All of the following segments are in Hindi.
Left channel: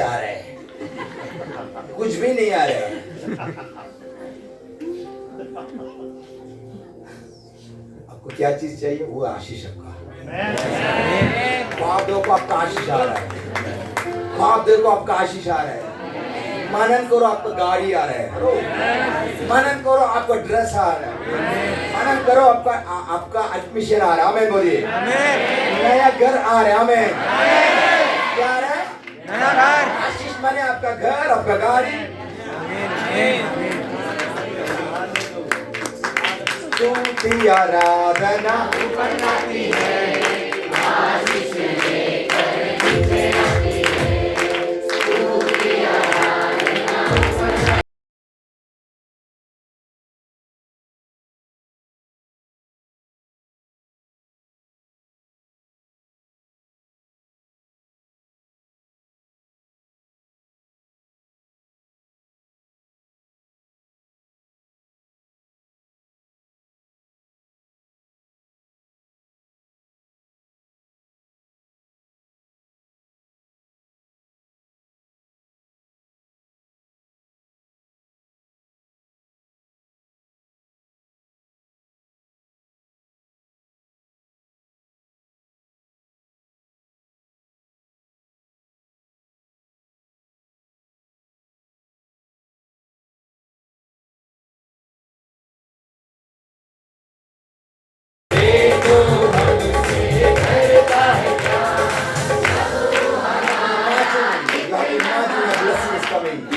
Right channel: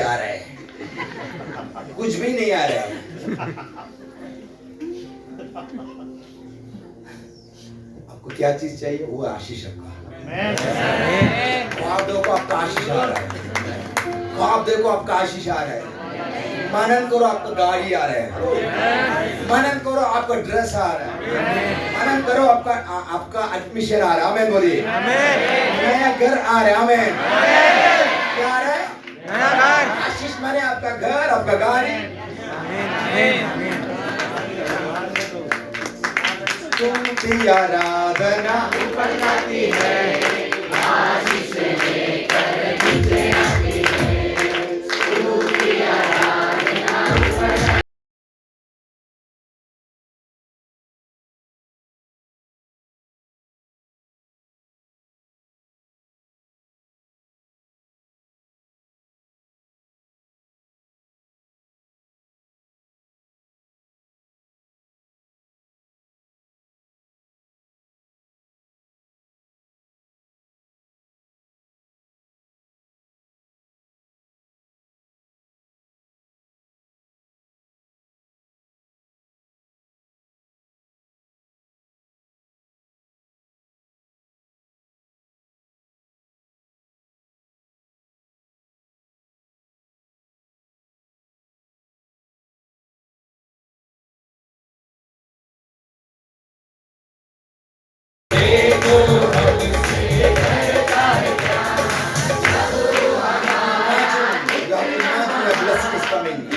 आ रहा है, कुछ भी नहीं आ रहा है। आपको क्या चीज चाहिए? वो आशीष आपका। ख्वाब देखो आपका आशीष आ रहा है, ख्वाब देखो आपका आशीष आ रहा है। मनन करो आपका गाड़ी आ रहा है, मनन करो आपका ड्रेस आ रहा है, मनन करो आपका एडमिशन आ रहा है। हमें बोलिए नया घर आ रहा है। हमें क्या आ रहा है? नया घर। आशीष माने आपका घर, आपका गाड़ी। तुमकी आराधना ऊपर जाती है, आशीष लेकर तुझे आती है। तुमकी आराधना ऊपर जाती है।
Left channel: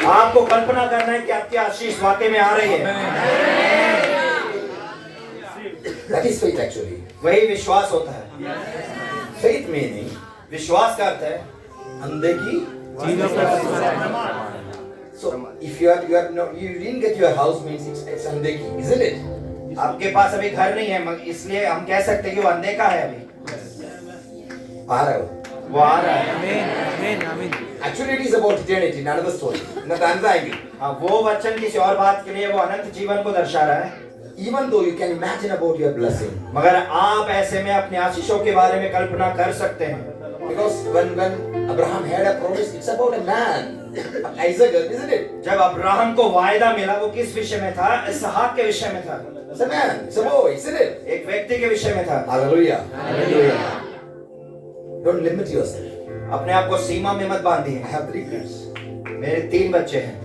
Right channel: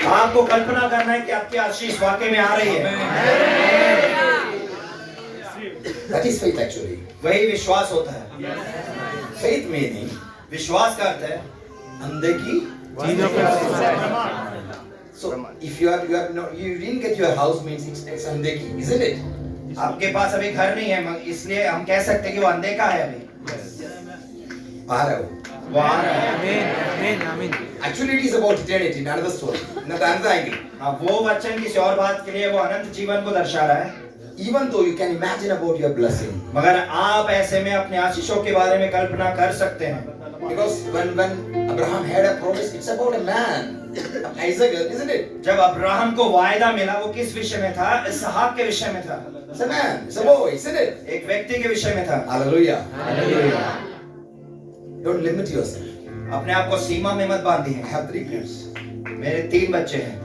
आपको कल्पना करना है कि आपकी आशीष वाकई में आ रही है। That is faith actually. वही विश्वास होता है। Faith meaning विश्वास का अर्थ है अंधे की चीजों पर। So if you didn't get your house means it's अंधे की, isn't it? आपके पास अभी घर नहीं है, इसलिए हम कह सकते हैं कि वो अंधे का है अभी। आ रहा है वो आ रहा है। आमीन आमीन आमीन। Actually it is about eternity, another story. Another angle. हाँ, वो वचन किसी और बात के लिए वो अनंत जीवन को दर्शा रहा है। Even though you can imagine about your blessing, मगर आप ऐसे में अपने आशीषों के बारे में कल्पना कर सकते हैं। because when Abraham had a promise, it's about a man, Isaac, isn't it? जब अब्राहम को वायदा मिला वो किस विषय में था? इसहाक के विषय में था। It's a man, it's a boy, isn't it? एक व्यक्ति के विषय में था। Hallelujah. Hallelujah. Don't limit yourself. अपने आप को सीमा में मत बांधिए। I have 3 kids. मेरे 3 बच्चे हैं।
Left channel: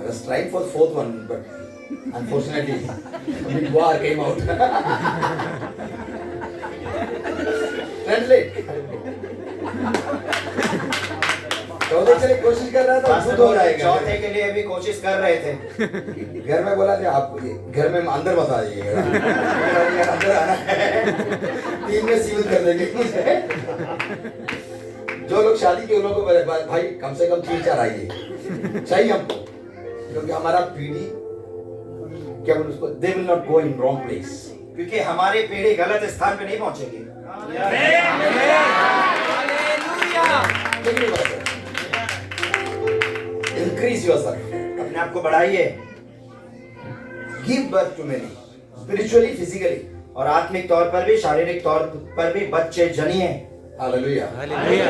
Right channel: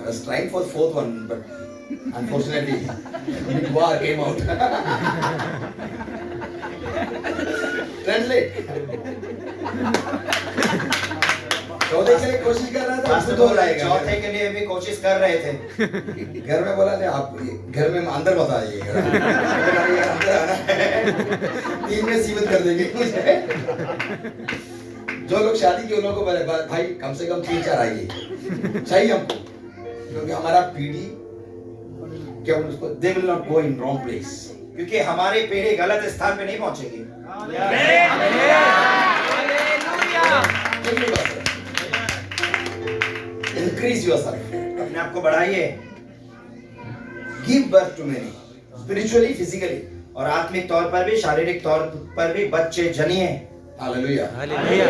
I was trying for the 4th one, but unfortunately, only war came out. Translate. चौथे के लिए कोशिश कर रहा था, खुद हो जाएगा। चौथे के लिए भी कोशिश कर रहे थे। घर में बोला था आप घर में अंदर मत आइए, अंदर आना है, 3 में सीमित कर देंगे मुझे। जो लोग शादी के लोगों को बोले भाई कम से कम 3-4 आइए चाहिए हमको, क्योंकि हमारा पीढ़ी क्या बोलते उसको, they will not go in wrong place, क्योंकि हमारी पीढ़ी गलत स्थान पे नहीं पहुंचेगी। Increase yourself. अपने आप को बढ़ाइए। Give birth to many, spiritually, physically. और आत्मिक तौर पर भी, शारीरिक तौर पर भी बच्चे जनिए। Hallelujah. Hallelujah.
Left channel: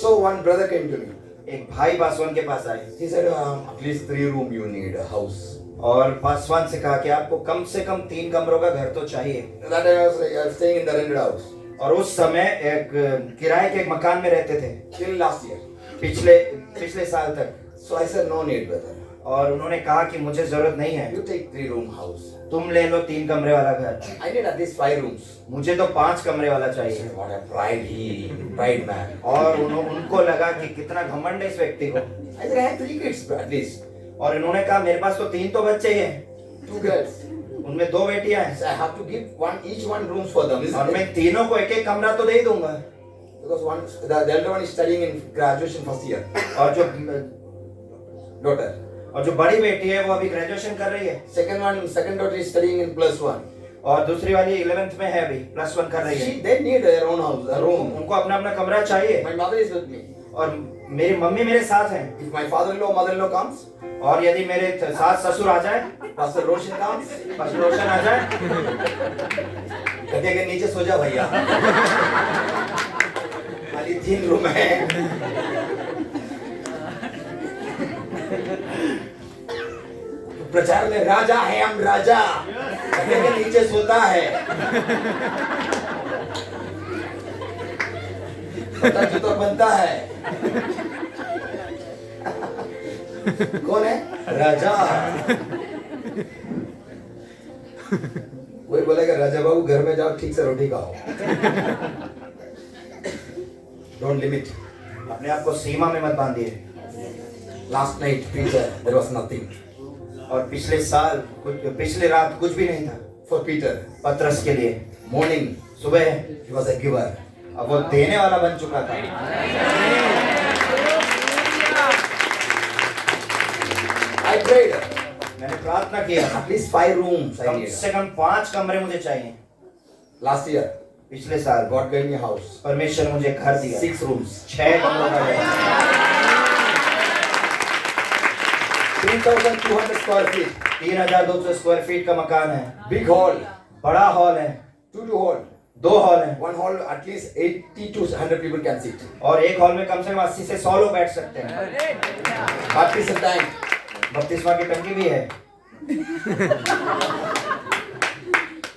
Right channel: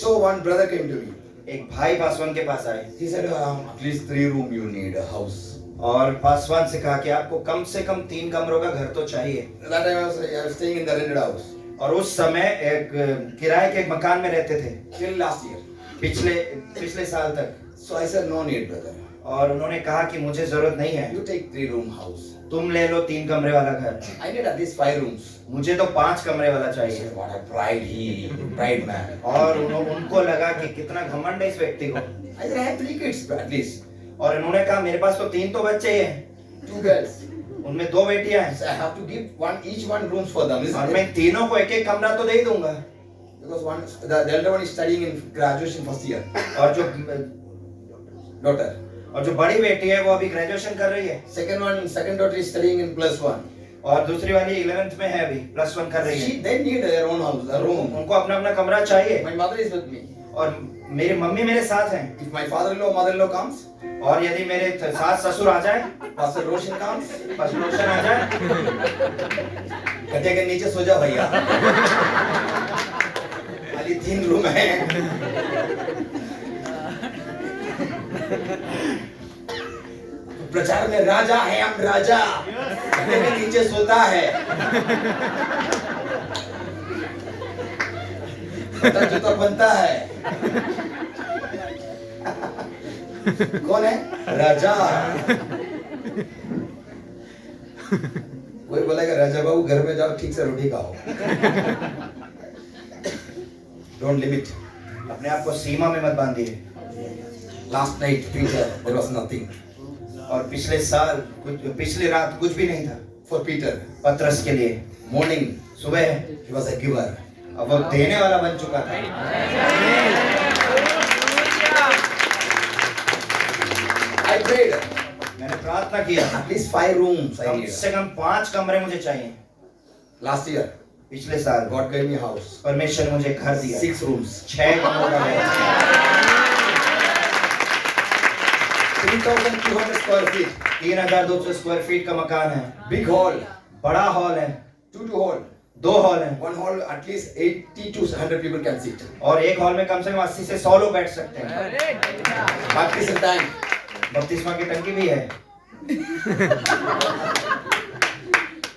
So one brother came to me. एक भाई पासवान के पास आए He said, at least 3 room you need a house. और पासवान से कहा कि आपको कम से कम 3 कमरों का घर तो चाहिए। That time I was staying in the rented house. और उस समय एक किराए के एक मकान में रहते थे Till last year. पिछले साल तक। So I said, no need, brother. और उन्होंने कहा कि मुझे जरूरत नहीं है, You take 3 room house. तुम ले लो 3 कमरे वाला घर। I need at least 5 rooms. मुझे तो 5 कमरे वाला I चाहिए। said, what a pride man. और उनको लगा कि कितना घमंड है इस व्यक्ति को। I said, I have 3 kids at least. और उन्होंने कहा मेरे पास तो 3 तो बच्चे ही हैं, 2 girls. उनमें 2 बेटियां हैं। So I have to give each one rooms for them. और Isn't मैं it? तीनों को एक कमरा तो दे ही दूंगा। Because the elder one is studying in graduation first year. और Daughter. जो बड़ी बेटी है वो अभी ग्रेजुएशन कर रही है। Second daughter is studying in +1. और दूसरी वाली 11th में है, अभी +1 कर रही है। They need their own house, a room. उनको अपना अपना कमरा चाहिए। My mother is with me. और मेरी मम्मी मेरे साथ हैं। If my father-in-law, mother-in-law comes, और यदि मेरे सास ससुर आ जाए, Pastor Roshan comes, pastor रोशन आ जाए, गड्ढे के नीचे सो जा भैया। खाली 3 रूम है। प्रचार में राजा है, हम राजा में नीचे सोता है। तो बनता है। कौन है राजा? कोई बोलेगा राजा बाबू घर में जाओ, ठीक से रोटी खाओ। Don't limit. अपने आप को सीमा में मत बांधिए। Last night Peter there was nothing और पिछले रात कुछ भी नहीं था फॉर पीटर। पतरस के लिए मॉर्निंग सुबह ही वाज अ गिवर। अब वो देने वाला बन चुका था। आई प्रेड, मैंने प्रार्थना किया, एटलीस्ट 5 रूम्स आई कम नीड। से कम 5 कमरे मुझे चाहिए। लास्ट ईयर पिछले साल गॉड गेव मी हाउस, परमेश्वर ने मुझे घर दिया, 6 रूम्स, 6 कमरों का घर, 3200 स्क्वायर फीट, 3200 स्क्वायर फीट का मकान है, बिग हॉल, बड़ा हॉल है, 2 हॉल, 2 हॉल है, one hall at least 80 to 100 people can sit. और एक हॉल में कम से कम 80 से 100 लोग बैठ सकते हैं। Baptism tank, बपतिस्मा की टंकी भी है।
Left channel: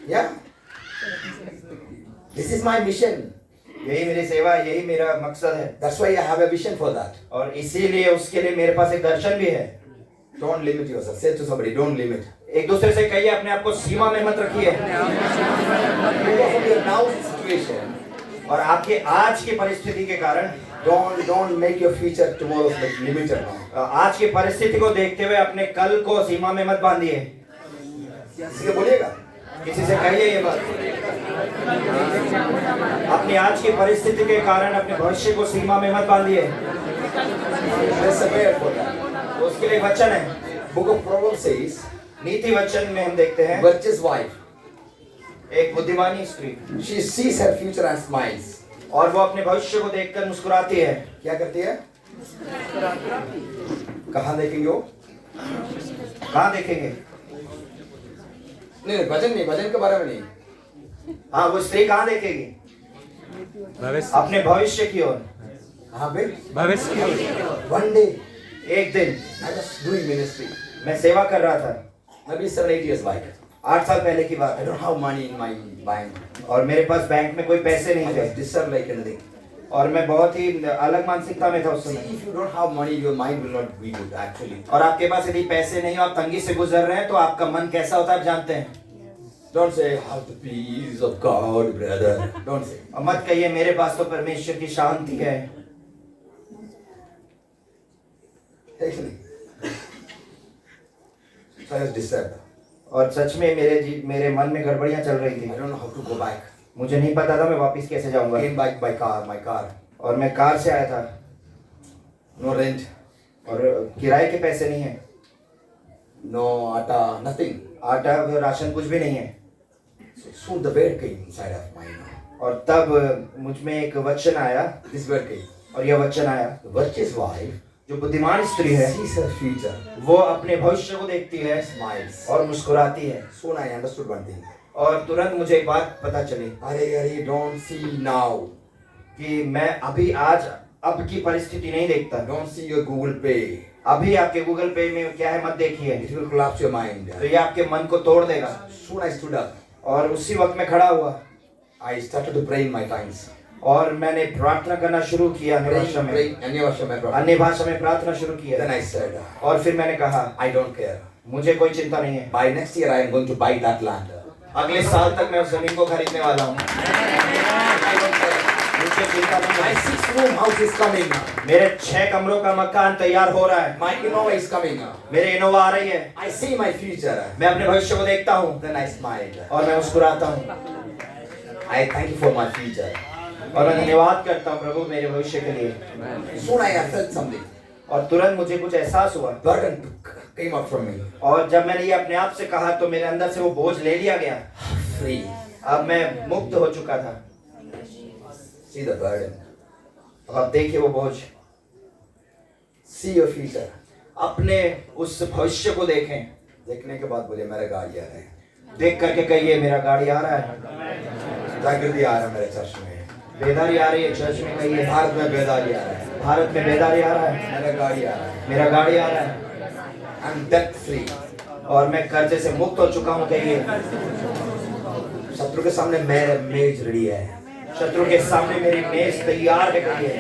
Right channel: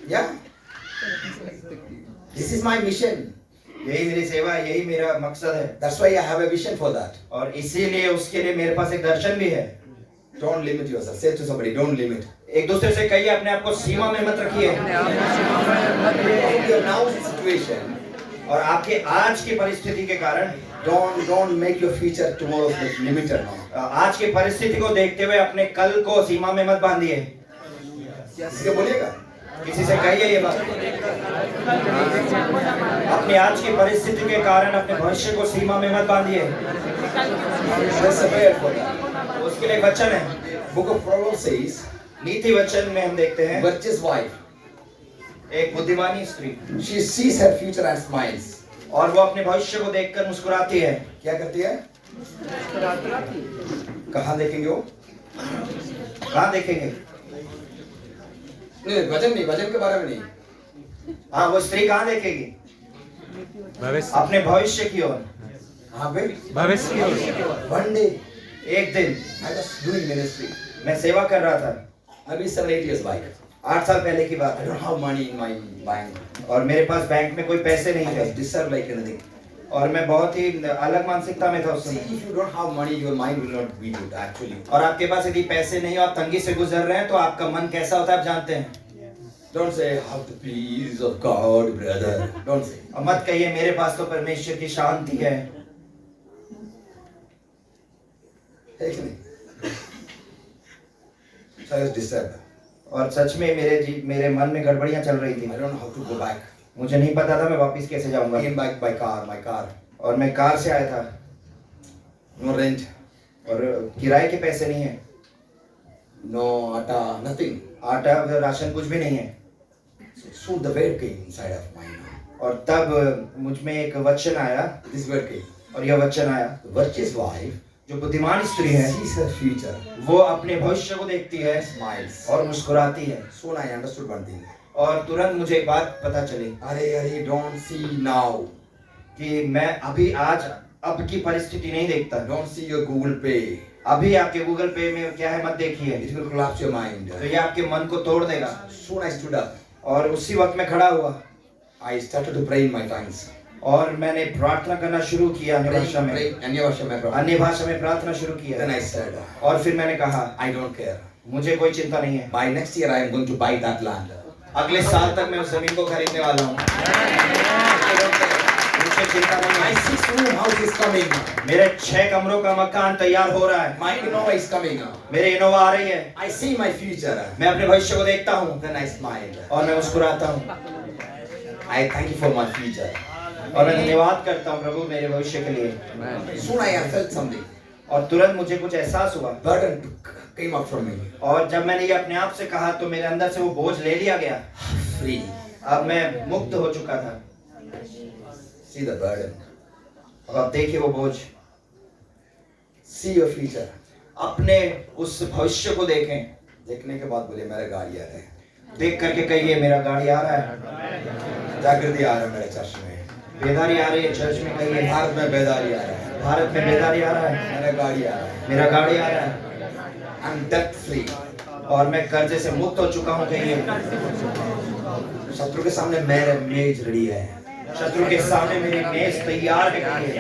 yeah. This is my mission. यही मेरी सेवा है, यही मेरा मकसद है, That's why I have a vision for that. और इसीलिए उसके लिए मेरे पास एक दर्शन भी है। Don't limit yourself. Say to somebody, don't limit. एक दूसरे से कहिए, अपने आप को सीमा में मत रखिए। Your now situation, और आपके आज की परिस्थिति के कारण don't make your future tomorrow's limited. आज की परिस्थिति को देखते हुए अपने कल को सीमा में मत बांधिए। इसलिए बोलिएगा, किसी से कहिए ये बात। अपनी आज की परिस्थिति के कारण अपने भविष्य को सीमा में मत बांधिए। Let's prepare for that. उसके लिए एक वचन है, Book of Proverbs says, नीति वचन में हम देखते हैं, virtuous wife, एक बुद्धिमानी स्त्री, she sees her future and smiles. और वो अपने भविष्य को देखकर मुस्कुराती है। क्या करती है? कहाँ देखेंगे वो? कहाँ देखेंगे? नहीं, वचन के बारे में नहीं। हाँ, वो स्त्री कहाँ देखेगी? भविष्य अपने भविष्य की ओर। हाँ बे, भविष्य की ओर। one day एक दिन I was doing ministry. मैं सेवा कर रहा था, Maybe 7-8 years back. 8 साल पहले की बात I है, don't have money in my bank. और मेरे पास बैंक में कोई पैसे I नहीं was थे, disturbed like anything. और मैं बहुत ही अलग मानसिकता में था उस See, समय। if you don't have money, your mind will not be good actually. और आपके पास यदि पैसे नहीं हो, आप तंगी से गुजर रहे हैं, तो आपका मन कैसा होता है आप जानते हैं। Don't say, have the peace of God, brother. Don't say. और मत कहिए मेरे पास तो परमेश्वर की शांति है। है कि नहीं? So I was disturbed. और सच में मेरे मन में गड़बड़ियां चल रही थी। I don't know how to go back. मुझे नहीं पता था मैं वापस कैसे जाऊंगा। Came back by car, my car. और मैं कार से आया था, No rent, और किराए के पैसे नहीं है, no atta, nothing. आटा राशन कुछ भी नहीं है। So soon the word came inside of mine. और तब मुझ में एक वचन आया, This word came. और यह वचन आया, The virtuous wife जो बुद्धिमान स्त्री है sees her future, वो अपने भविष्य को देखती है smiles. और मुस्कुराती है। Soon I understood one thing. और तुरंत मुझे एक बात पता चली अरे don't see now. कि मैं अभी आज अब की परिस्थिति नहीं देखता। Don't see your Google Pay. अभी आपके गूगल पे में क्या है मत देखिए, It will collapse your mind. तो ये आपके मन को तोड़ देगा। Soon I stood up. और उसी वक्त मैं खड़ा हुआ I started to pray in my tongues. और मैंने प्रार्थना करना शुरू किया अन्य भाषा में, अन्य भाषा में प्रार्थना. अन्य भाषा में प्रार्थना शुरू Then किया। I said, और फिर मैंने कहा I don't care. मुझे कोई चिंता नहीं है, By next year I am going to buy that land. अगले साल तक मैं उस जमीन को खरीदने वाला हूँ। I don't care. मुझे चिंता नहीं My है। 6-room house is coming. मेरे 6 कमरों का मकान तैयार हो रहा है, My Innova is coming. मेरे इनोवा आ रही है, I see my future. मैं अपने भविष्य को देखता हूँ Then I smile. और मैं मुस्कुराता हूँ, I thank you for my future. और मैं धन्यवाद करता हूँ प्रभु मेरे भविष्य के लिए। Soon I have felt something. और तुरंत मुझे कुछ एहसास हुआ, Burden came up from me. और जब मैंने ये अपने आप से कहा तो मेरे अंदर से वो बोझ ले लिया गया। Free. अब मैं मुक्त हो चुका था। See the burden. अब देखिए वो बोझ, See your future. अपने उस भविष्य को देखें। देखने के बाद बोले मेरा गाड़ी आ रहा है. देख करके कहिए मेरा गाड़ी आ रहा है, जागृति आ रहा है मेरे चर्च में. बेदारी आ रही है चर्च में, कहिए भारत में बेदारी आ रहा है, भारत में बेदारी आ रहा है, मेरा गाड़ी आ रहा है, मेरा गाड़ी आ रहा है I'm debt free। और मैं कर्जे से मुक्त हो चुका हूँ, कहिए शत्रु के सामने मेरा मेज रेडी है, शत्रु के सामने मेरी मेज तैयार है, कहिए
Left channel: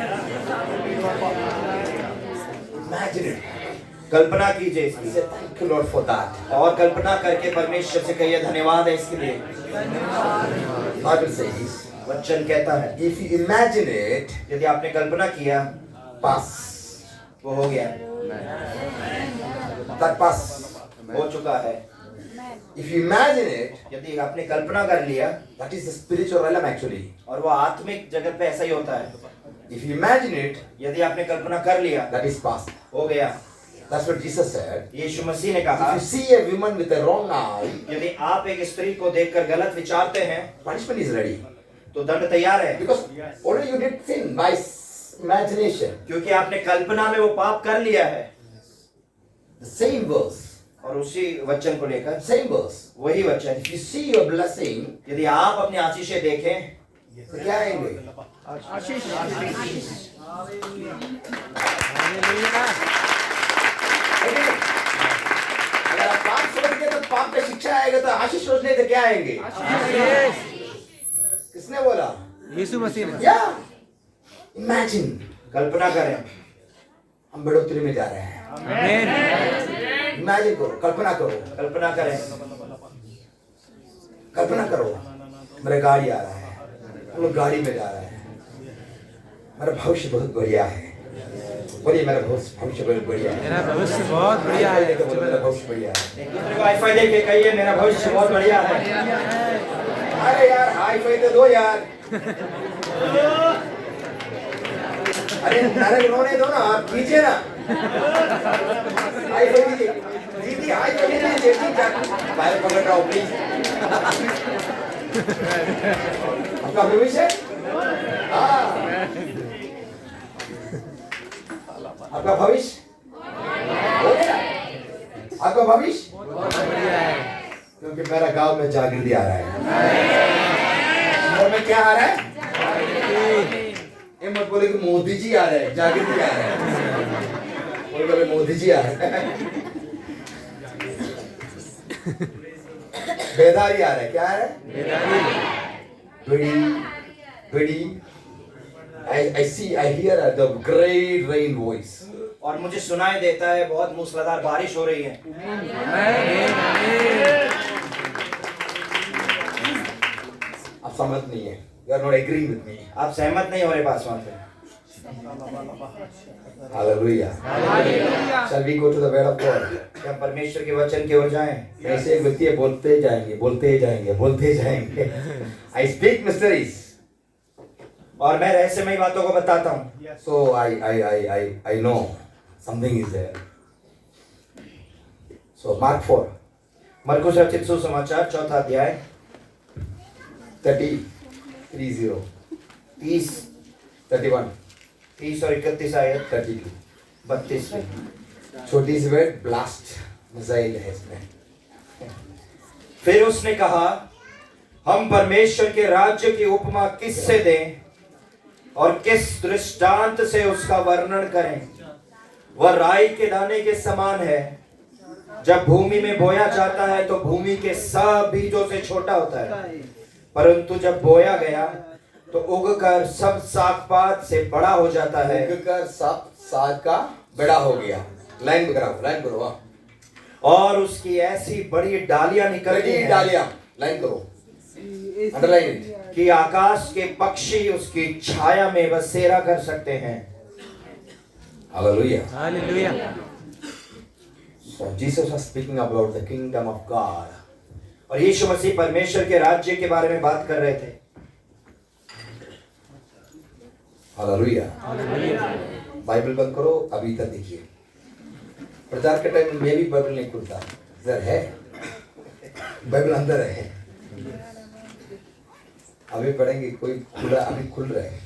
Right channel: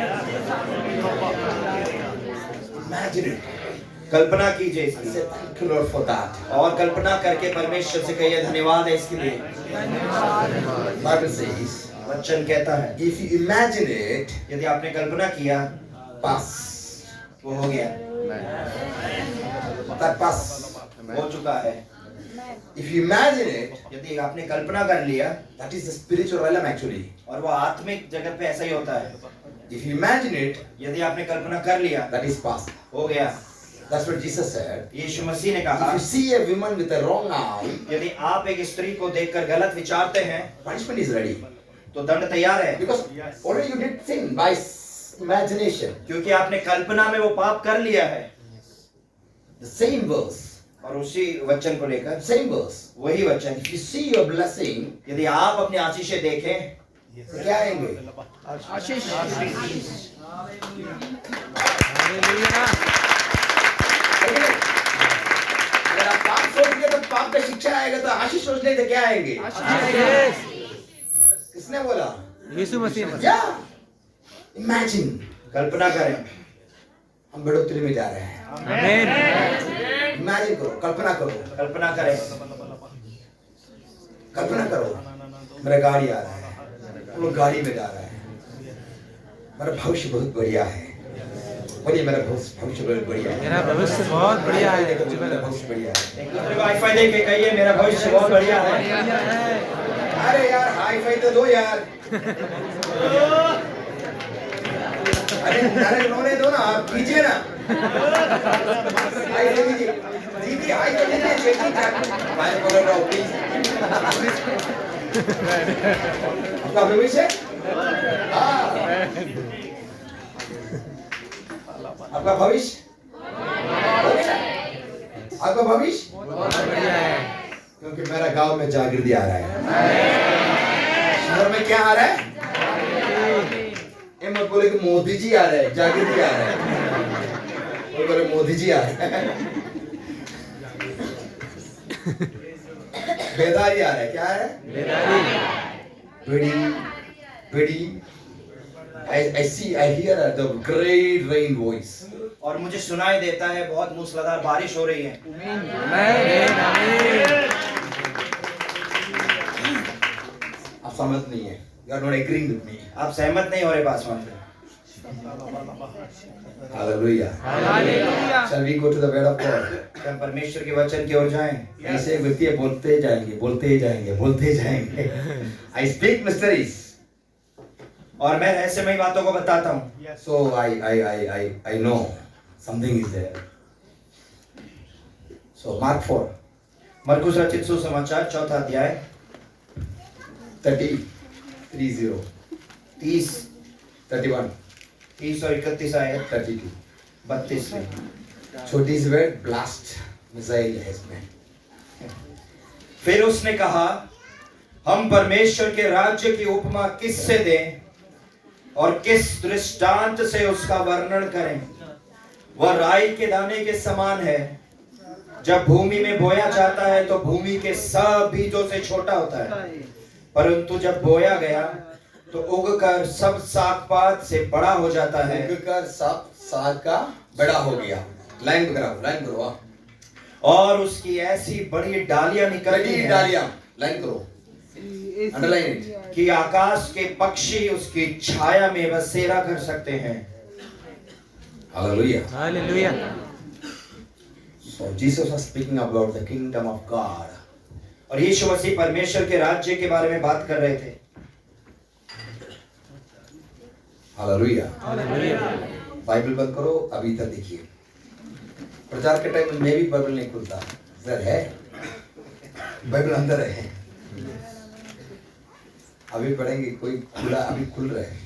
Imagine it। कल्पना कीजिए इसकी Say thank you Lord for that। और कल्पना करके परमेश्वर से कहिए धन्यवाद है इसके लिए। Bible says वचन कहता है if you imagine it, यदि आपने कल्पना किया pass, वो हो गया, that pass। हो चुका है। If you imagine it, यदि आपने कल्पना कर लिया, that is the spiritual realm actually। और वो आत्मिक जगत पे ऐसा ही होता है। If you imagine it, यदि आपने कल्पना कर लिया, that is past। हो गया। That's what Jesus said। यीशु मसीह ने कहा If you see a woman with a wrong arm, यदि आप एक स्त्री को देखकर गलत विचारते हैं punishment is ready तो दंड तैयार है, because already you did sin by imagination। क्योंकि आपने कल्पना में वो पाप कर लिया है। The same verse, और उसी वचन को लेकर same verse। वही वचन, If you see your blessing, यदि आप अपनी आशीषें देखें तो क्या आएंगे? अगर आप पाप सोचेंगे तो पाप का शिक्षा आएगा, तो आशीष सोचने तो क्या आएंगे? किसने बोला? यीशु मसीह ने। या इमेजिन, कल्पना करें, हम बढ़ोतरी में जा रहे हैं। आमीन। इमेजिन करो, कल्पना करो, कल्पना करें, कल्पना करो, मेरा गाड़ी आ रहा है, हम लोग गाड़ी में जा रहे हैं, मेरा भविष्य बहुत बढ़िया है। बोलिए मेरा भविष्य बहुत बढ़िया है। मेरा भविष्य बहुत बढ़िया है। मेरा भविष्य बढ़िया है। एक दूसरे को हाई फाई दे के कहिए मेरा भविष्य बहुत बढ़िया है। अरे यार हाई फाई तो दो यार। अरे रोने दो ना, आप कीजिए ना। हाई फाई कीजिए। दीदी हाई फाई नहीं देती क्या? भाई पकड़ रहा हूँ प्लीज। आपका भविष्य? हाँ। आपका भविष्य? आपका भविष्य? क्योंकि मेरा गांव में जागृति आ रहा है। शहर में क्या आ रहा है? ये मत बोले कि मोदी जी आ रहे हैं, जागृति आ रहा है। कोई बोले मोदी जी आ रहे हैं। बेदारी आ रहा है। क्या आ रहा है? बेदारी। बेड़ी। I hear the great rain voice। और मुझे सुनाई देता है बहुत मूसलाधार बारिश हो रही है। आप सहमत नहीं है? You are not agreeing with me। आप सहमत नहीं हो रहे पासवान से। Hallelujah। Shall we go to the word of God? क्या हम परमेश्वर के वचन की ओर जाएं? ऐसे व्यक्ति बोलते जाएंगे, बोलते जाएंगे, बोलते जाएंगे। I speak mysteries। और मैं रहस्यमय बातों को बताता हूँ। So I know something is there। So Mark 4, मरकुस रचित सुसमाचार 4 अध्याय 30, 30, 31, 30 और 31 आयत 32। 32 से। छोटी सी वर्ड ब्लास्ट मिसाइल है इसमें। फिर उसने कहा, हम परमेश्वर के राज्य की उपमा किससे दें और किस दृष्टांत से उसका वर्णन करें? वह राई के दाने के समान है, जब भूमि में बोया जाता है तो भूमि के सब बीजों से छोटा होता है, परंतु जब बोया गया तो उगकर सब साग-पात से बड़ा हो जाता है। उगकर सब साग का बड़ा हो गया। लाइन कराओ, लाइन करो। और उसकी ऐसी बड़ी डालियां निकलती हैं, डालियां, लाइन करो, अंडरलाइन कि आकाश के पक्षी उसकी छाया में बसेरा कर सकते हैं। Hallelujah. Hallelujah. So Jesus was speaking about the kingdom of God। और यीशु मसीह परमेश्वर के राज्य के बारे में बात कर रहे थे। हालेलुया। बाइबल बंद करो, अभी तक देखिए। प्रचार के टाइम में भी बाइबल नहीं खुलता, इधर है बाइबल, अंदर है। अभी पढ़ेंगे, कोई खुला, अभी खुल रहा है,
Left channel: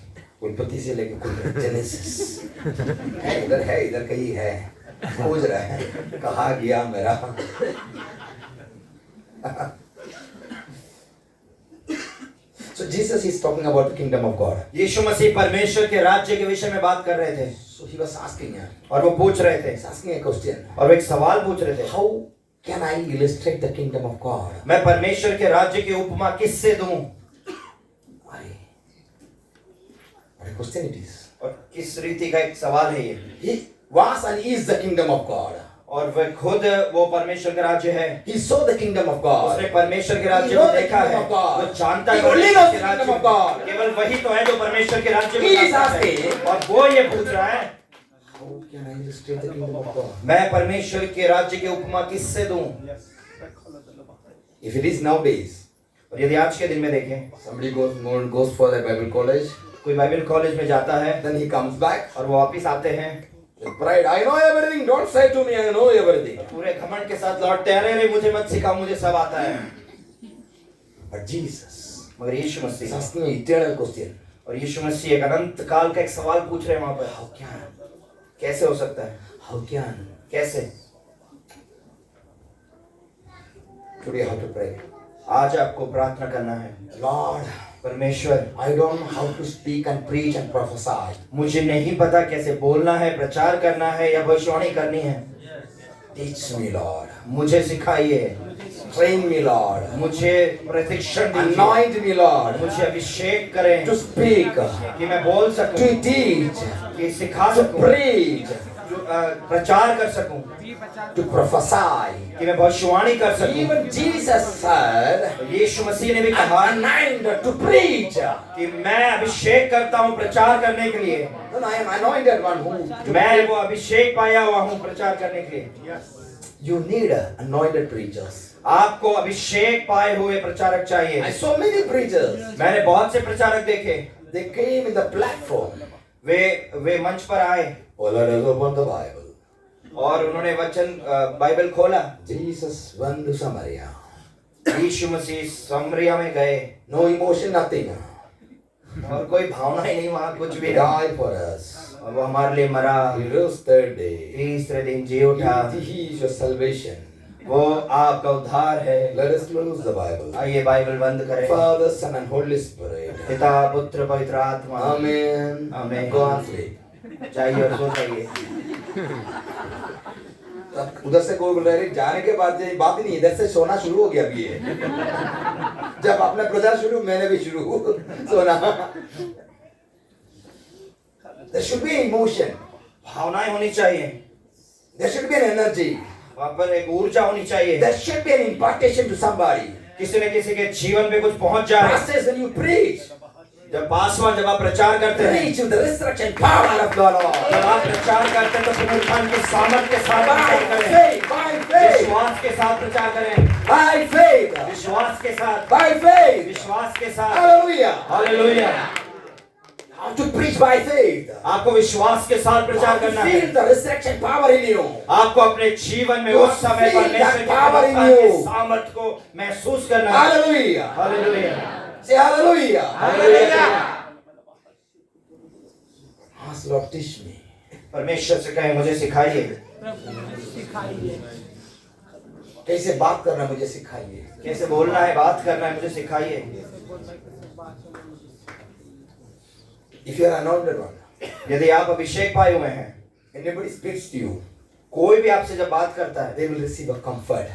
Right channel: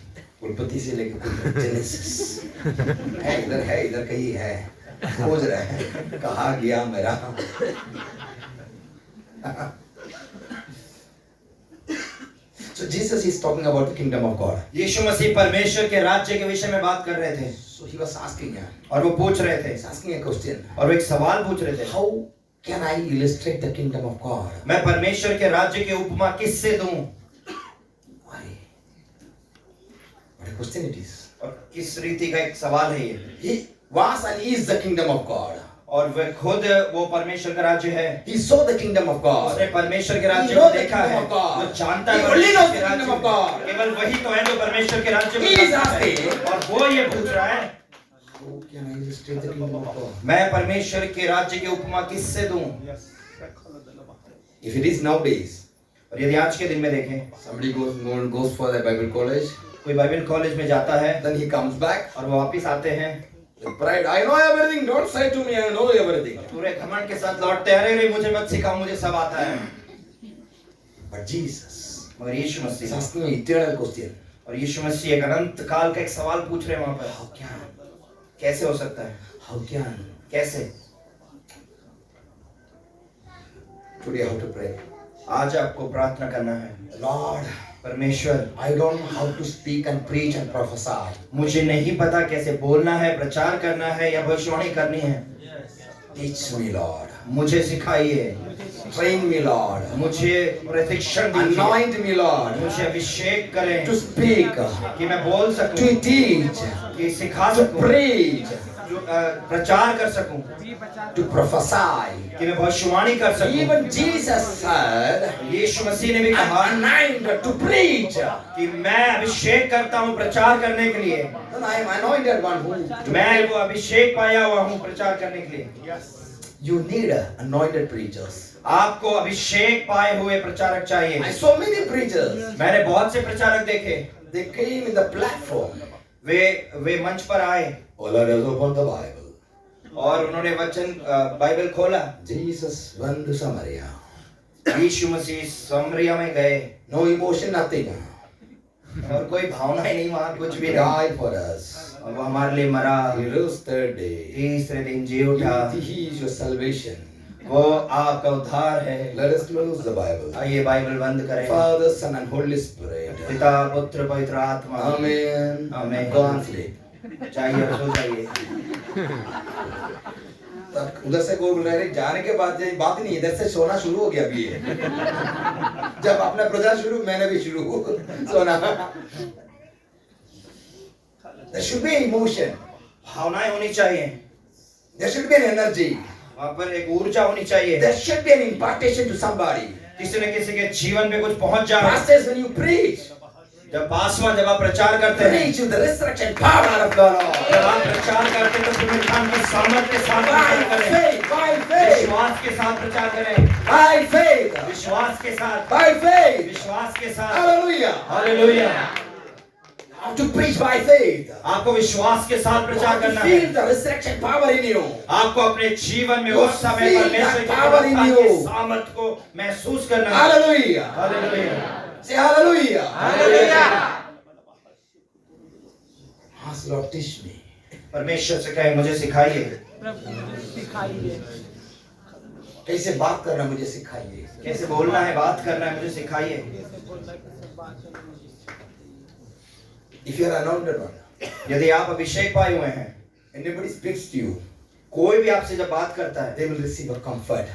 उत्पत्ति से लेकर जेनेसिस है, इधर कहीं है, खोज रहा है कहाँ गया मेरा। So Jesus is talking about the kingdom of God. यीशु मसीह परमेश्वर के राज्य के विषय में बात कर रहे थे So he was asking, और वो पूछ रहे थे he's asking a question. और वो एक सवाल पूछ रहे थे, How can I illustrate the kingdom of God? मैं परमेश्वर के राज्य की उपमा किससे दूं? What a question it is. और किस रीति का एक सवाल है ये। He was and is the kingdom of God. और वह खुद वो परमेश्वर का राज्य है। He saw the kingdom of God. उसने परमेश्वर के राज्य He को knows the देखा kingdom है, of God. वो जानता He है only परमेश्वर knows के the राज्य kingdom of को। God. केवल वही तो है जो परमेश्वर के राज्य He को is जानता है। asking, और वो ये पूछ रहा है, how can I illustrate the kingdom of God? मैं परमेश्वर के राज्य की उपमा किससे दूं? If it is nowadays, और यदि आज के दिन में देखें, somebody goes for a Bible college, कोई बाइबल कॉलेज में जाता है then he comes back. और वो वापस आते हैं With pride, I know everything. Don't say to me, I know everything. पूरे घमंड के साथ लौटते हैं, अरे मुझे मत सिखाओ, मुझे सब आता है। But Jesus मगर यीशु is Masih asking an eternal question. और यीशु मसीह एक अनंत काल का एक सवाल पूछ रहे हैं वहां पर, How can? कैसे हो सकता है? How can? कैसे? Today I have to pray. आज आपको प्रार्थना करना है, Lord, परमेश्वर I don't know how to speak and preach and prophesy. मुझे नहीं पता कैसे बोलना है, प्रचार करना है या भविष्यवाणी करनी है। Teach me, Lord. मुझे सिखाइए, Train me, Lord. मुझे प्रशिक्षण दीजिए, Anoint me, Lord. मुझे अभिषेक करें To speak, कि मैं बोल सकूं, to teach, कि सिखा to सकूं, preach, प्रचार कर सकूं, to prophesy. कि मैं भविष्यवाणी कर सकूं। Even Jesus said, यीशु मसीह ने भी कहा I'm anointed to preach. कि मैं अभिषेक करता हूं प्रचार करने के लिए। Then I am anointed one who. मैं वो अभिषेक पाया हुआ हूं प्रचार करने के लिए। You need anointed preachers. आपको अभिषेक पाए हुए प्रचारक I चाहिए। saw many preachers. मैंने बहुत से प्रचारक देखे, They came in the platform. वे मंच पर आए Oh Lord, has opened the Bible. और उन्होंने वचन बाइबल खोला। Jesus went to Samaria. यीशु मसीह समरिया में गए No emotion, nothing. और कोई भावना ही नहीं, वहां कुछ भी He नहीं, died for us. और वो हमारे लिए मरा, He rose third day. तीसरे दिन जी उठा। He is your salvation. वो आपका उद्धार है। Let us close the Bible. आइए बाइबल बंद करें। Father, Son, and Holy Spirit. पिता पुत्र पवित्र आत्मा, Amen. Amen. Go and sleep. चाहिए और सो जाइए। उधर से कोई बोल रहा है जाने के बाद ये बात ही नहीं, इधर से सोना शुरू हो गया अभी ये। जब अपना प्रचार शुरू, मैंने भी शुरू सोना। There should be emotion. भावनाएं होनी चाहिए, There should be an energy. वहाँ पर एक ऊर्जा होनी चाहिए। There should be an impartation to somebody. किसी न किसी के जीवन में कुछ पहुंच जाए। Pastors, when you preach, जब आप प्रचार करते हैं, preach with the resurrection power of the Lord. जब आप प्रचार करते हैं तो पुनरुत्थान की सामर्थ के साथ प्रचार By करें, faith, by faith, विश्वास के साथ प्रचार करें, by faith, विश्वास के साथ, by faith. विश्वास के साथ। Hallelujah. Hallelujah. How to preach by faith. आपको विश्वास के साथ प्रचार करना है। Feel the resurrection power in you. आपको अपने जीवन में उस समय Feel परमेश्वर that की power in पुनरुत्थान की you. सामर्थ को महसूस करना है। Hallelujah. Hallelujah. Say hallelujah. Hallelujah. Ask Lord, teach me. परमेश्वर से कहें मुझे सिखाइए, कैसे बात करना मुझे सिखाइए। कैसे बोलना है, बात करना है, मुझे सिखाइए। If you are anointed one, यदि आप अभिषेक पाए हुए हैं, anybody speaks to you, कोई भी आपसे जब बात करता है, they will receive a comfort.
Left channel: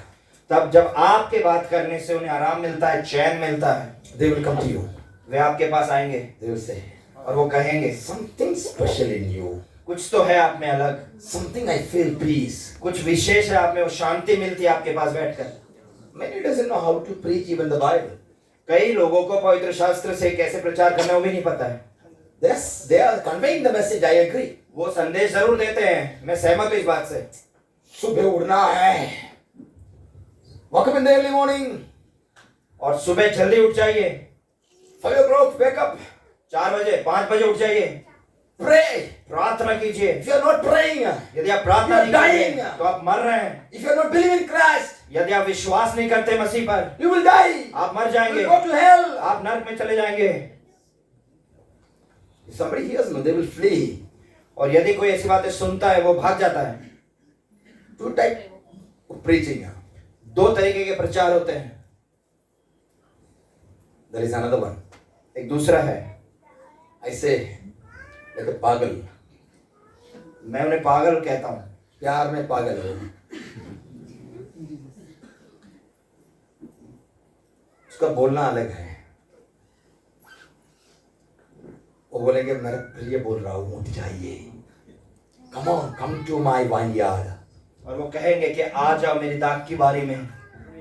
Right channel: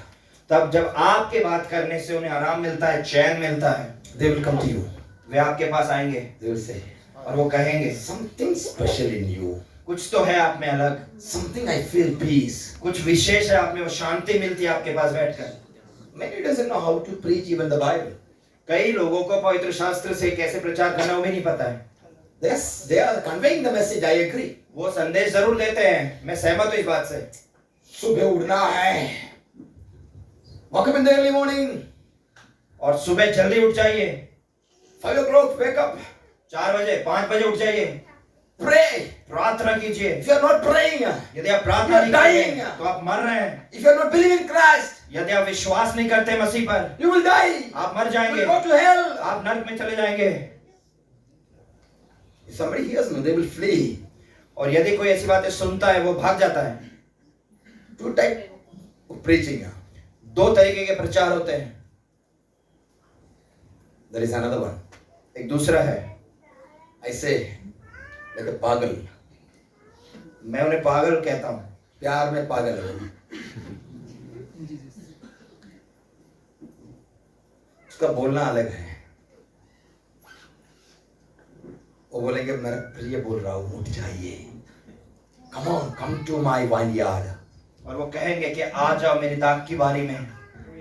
तब जब आपके बात करने से उन्हें आराम मिलता है, चैन मिलता है, They will come to you. वे आपके पास आएंगे They will say, और वो कहेंगे something special in you. कुछ तो है आप में अलग, Something I feel peace. कुछ विशेष है आप में, वो शांति मिलती है आपके पास बैठकर। Many doesn't know how to preach even the Bible. कई लोगों को पवित्र शास्त्र से कैसे प्रचार करना वो भी नहीं पता है। Yes, they are conveying the message. I agree. वो संदेश जरूर देते हैं, मैं सहमत हूँ इस बात से। सुबह उठना है. Wake up in the early morning. और सुबह जल्दी उठ जाइए, 5 o'clock, wake up. 4 बजे 5 बजे उठ जाइए, Pray. प्रार्थना कीजिए। If you are not praying, यदि आप प्रार्थना नहीं You are करते dying. तो आप मर रहे हैं। if you are not believing in Christ, यदि आप विश्वास नहीं करते मसीह पर, you will die. आप मर You जाएंगे, will go to hell. आप नरक में चले जाएंगे। If somebody hears me, they will flee. और यदि कोई ऐसी बातें सुनता है वो भाग जाता है। 2 types of preaching. 2 तरीके के प्रचार होते हैं। There is another one. एक दूसरा है। ऐसे लेकिन पागल, मैं उन्हें पागल कहता हूं। प्यार में पागल हो। उसका बोलना अलग है। वो बोलेंगे मेरा प्रिय बोल रहा हूं, उठ जाइए, come on, come to my vineyard. और वो कहेंगे कि आ जाओ मेरी दाग की बारी में।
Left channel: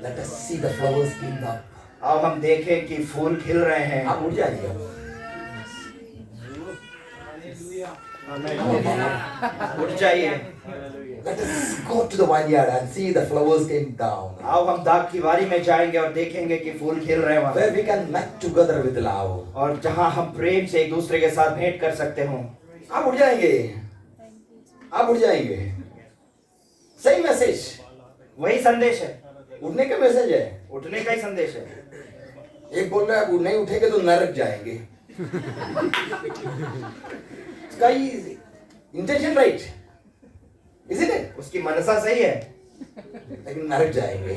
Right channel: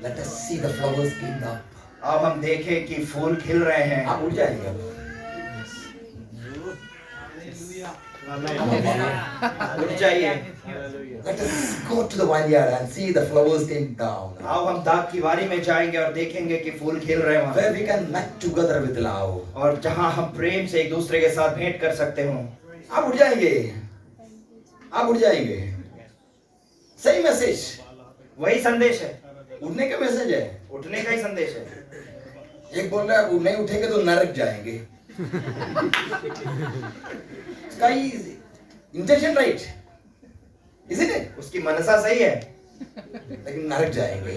Let us see the flowers keep up. अब हम देखें कि फूल खिल रहे हैं। आप उठ जाइए। उठ जाइए। Let us go to the vineyard and see the flowers came down. आओ हम दाग की बारी में जाएंगे और देखेंगे कि फूल खिल रहे हैं वहां। Where we can meet together with love. और जहां हम प्रेम से एक दूसरे के साथ भेंट कर सकते हो। आप उठ जाएंगे, आप उठ जाएंगे। सही मैसेज, वही संदेश है, उठने का मैसेज है। उठने का ही संदेश है। एक बोल रहा है आप नहीं उठेंगे तो नरक जाएंगे। इसका इंटेंशन राइट, इसीलिए उसकी मनसा सही है, लेकिन नरक जाएंगे।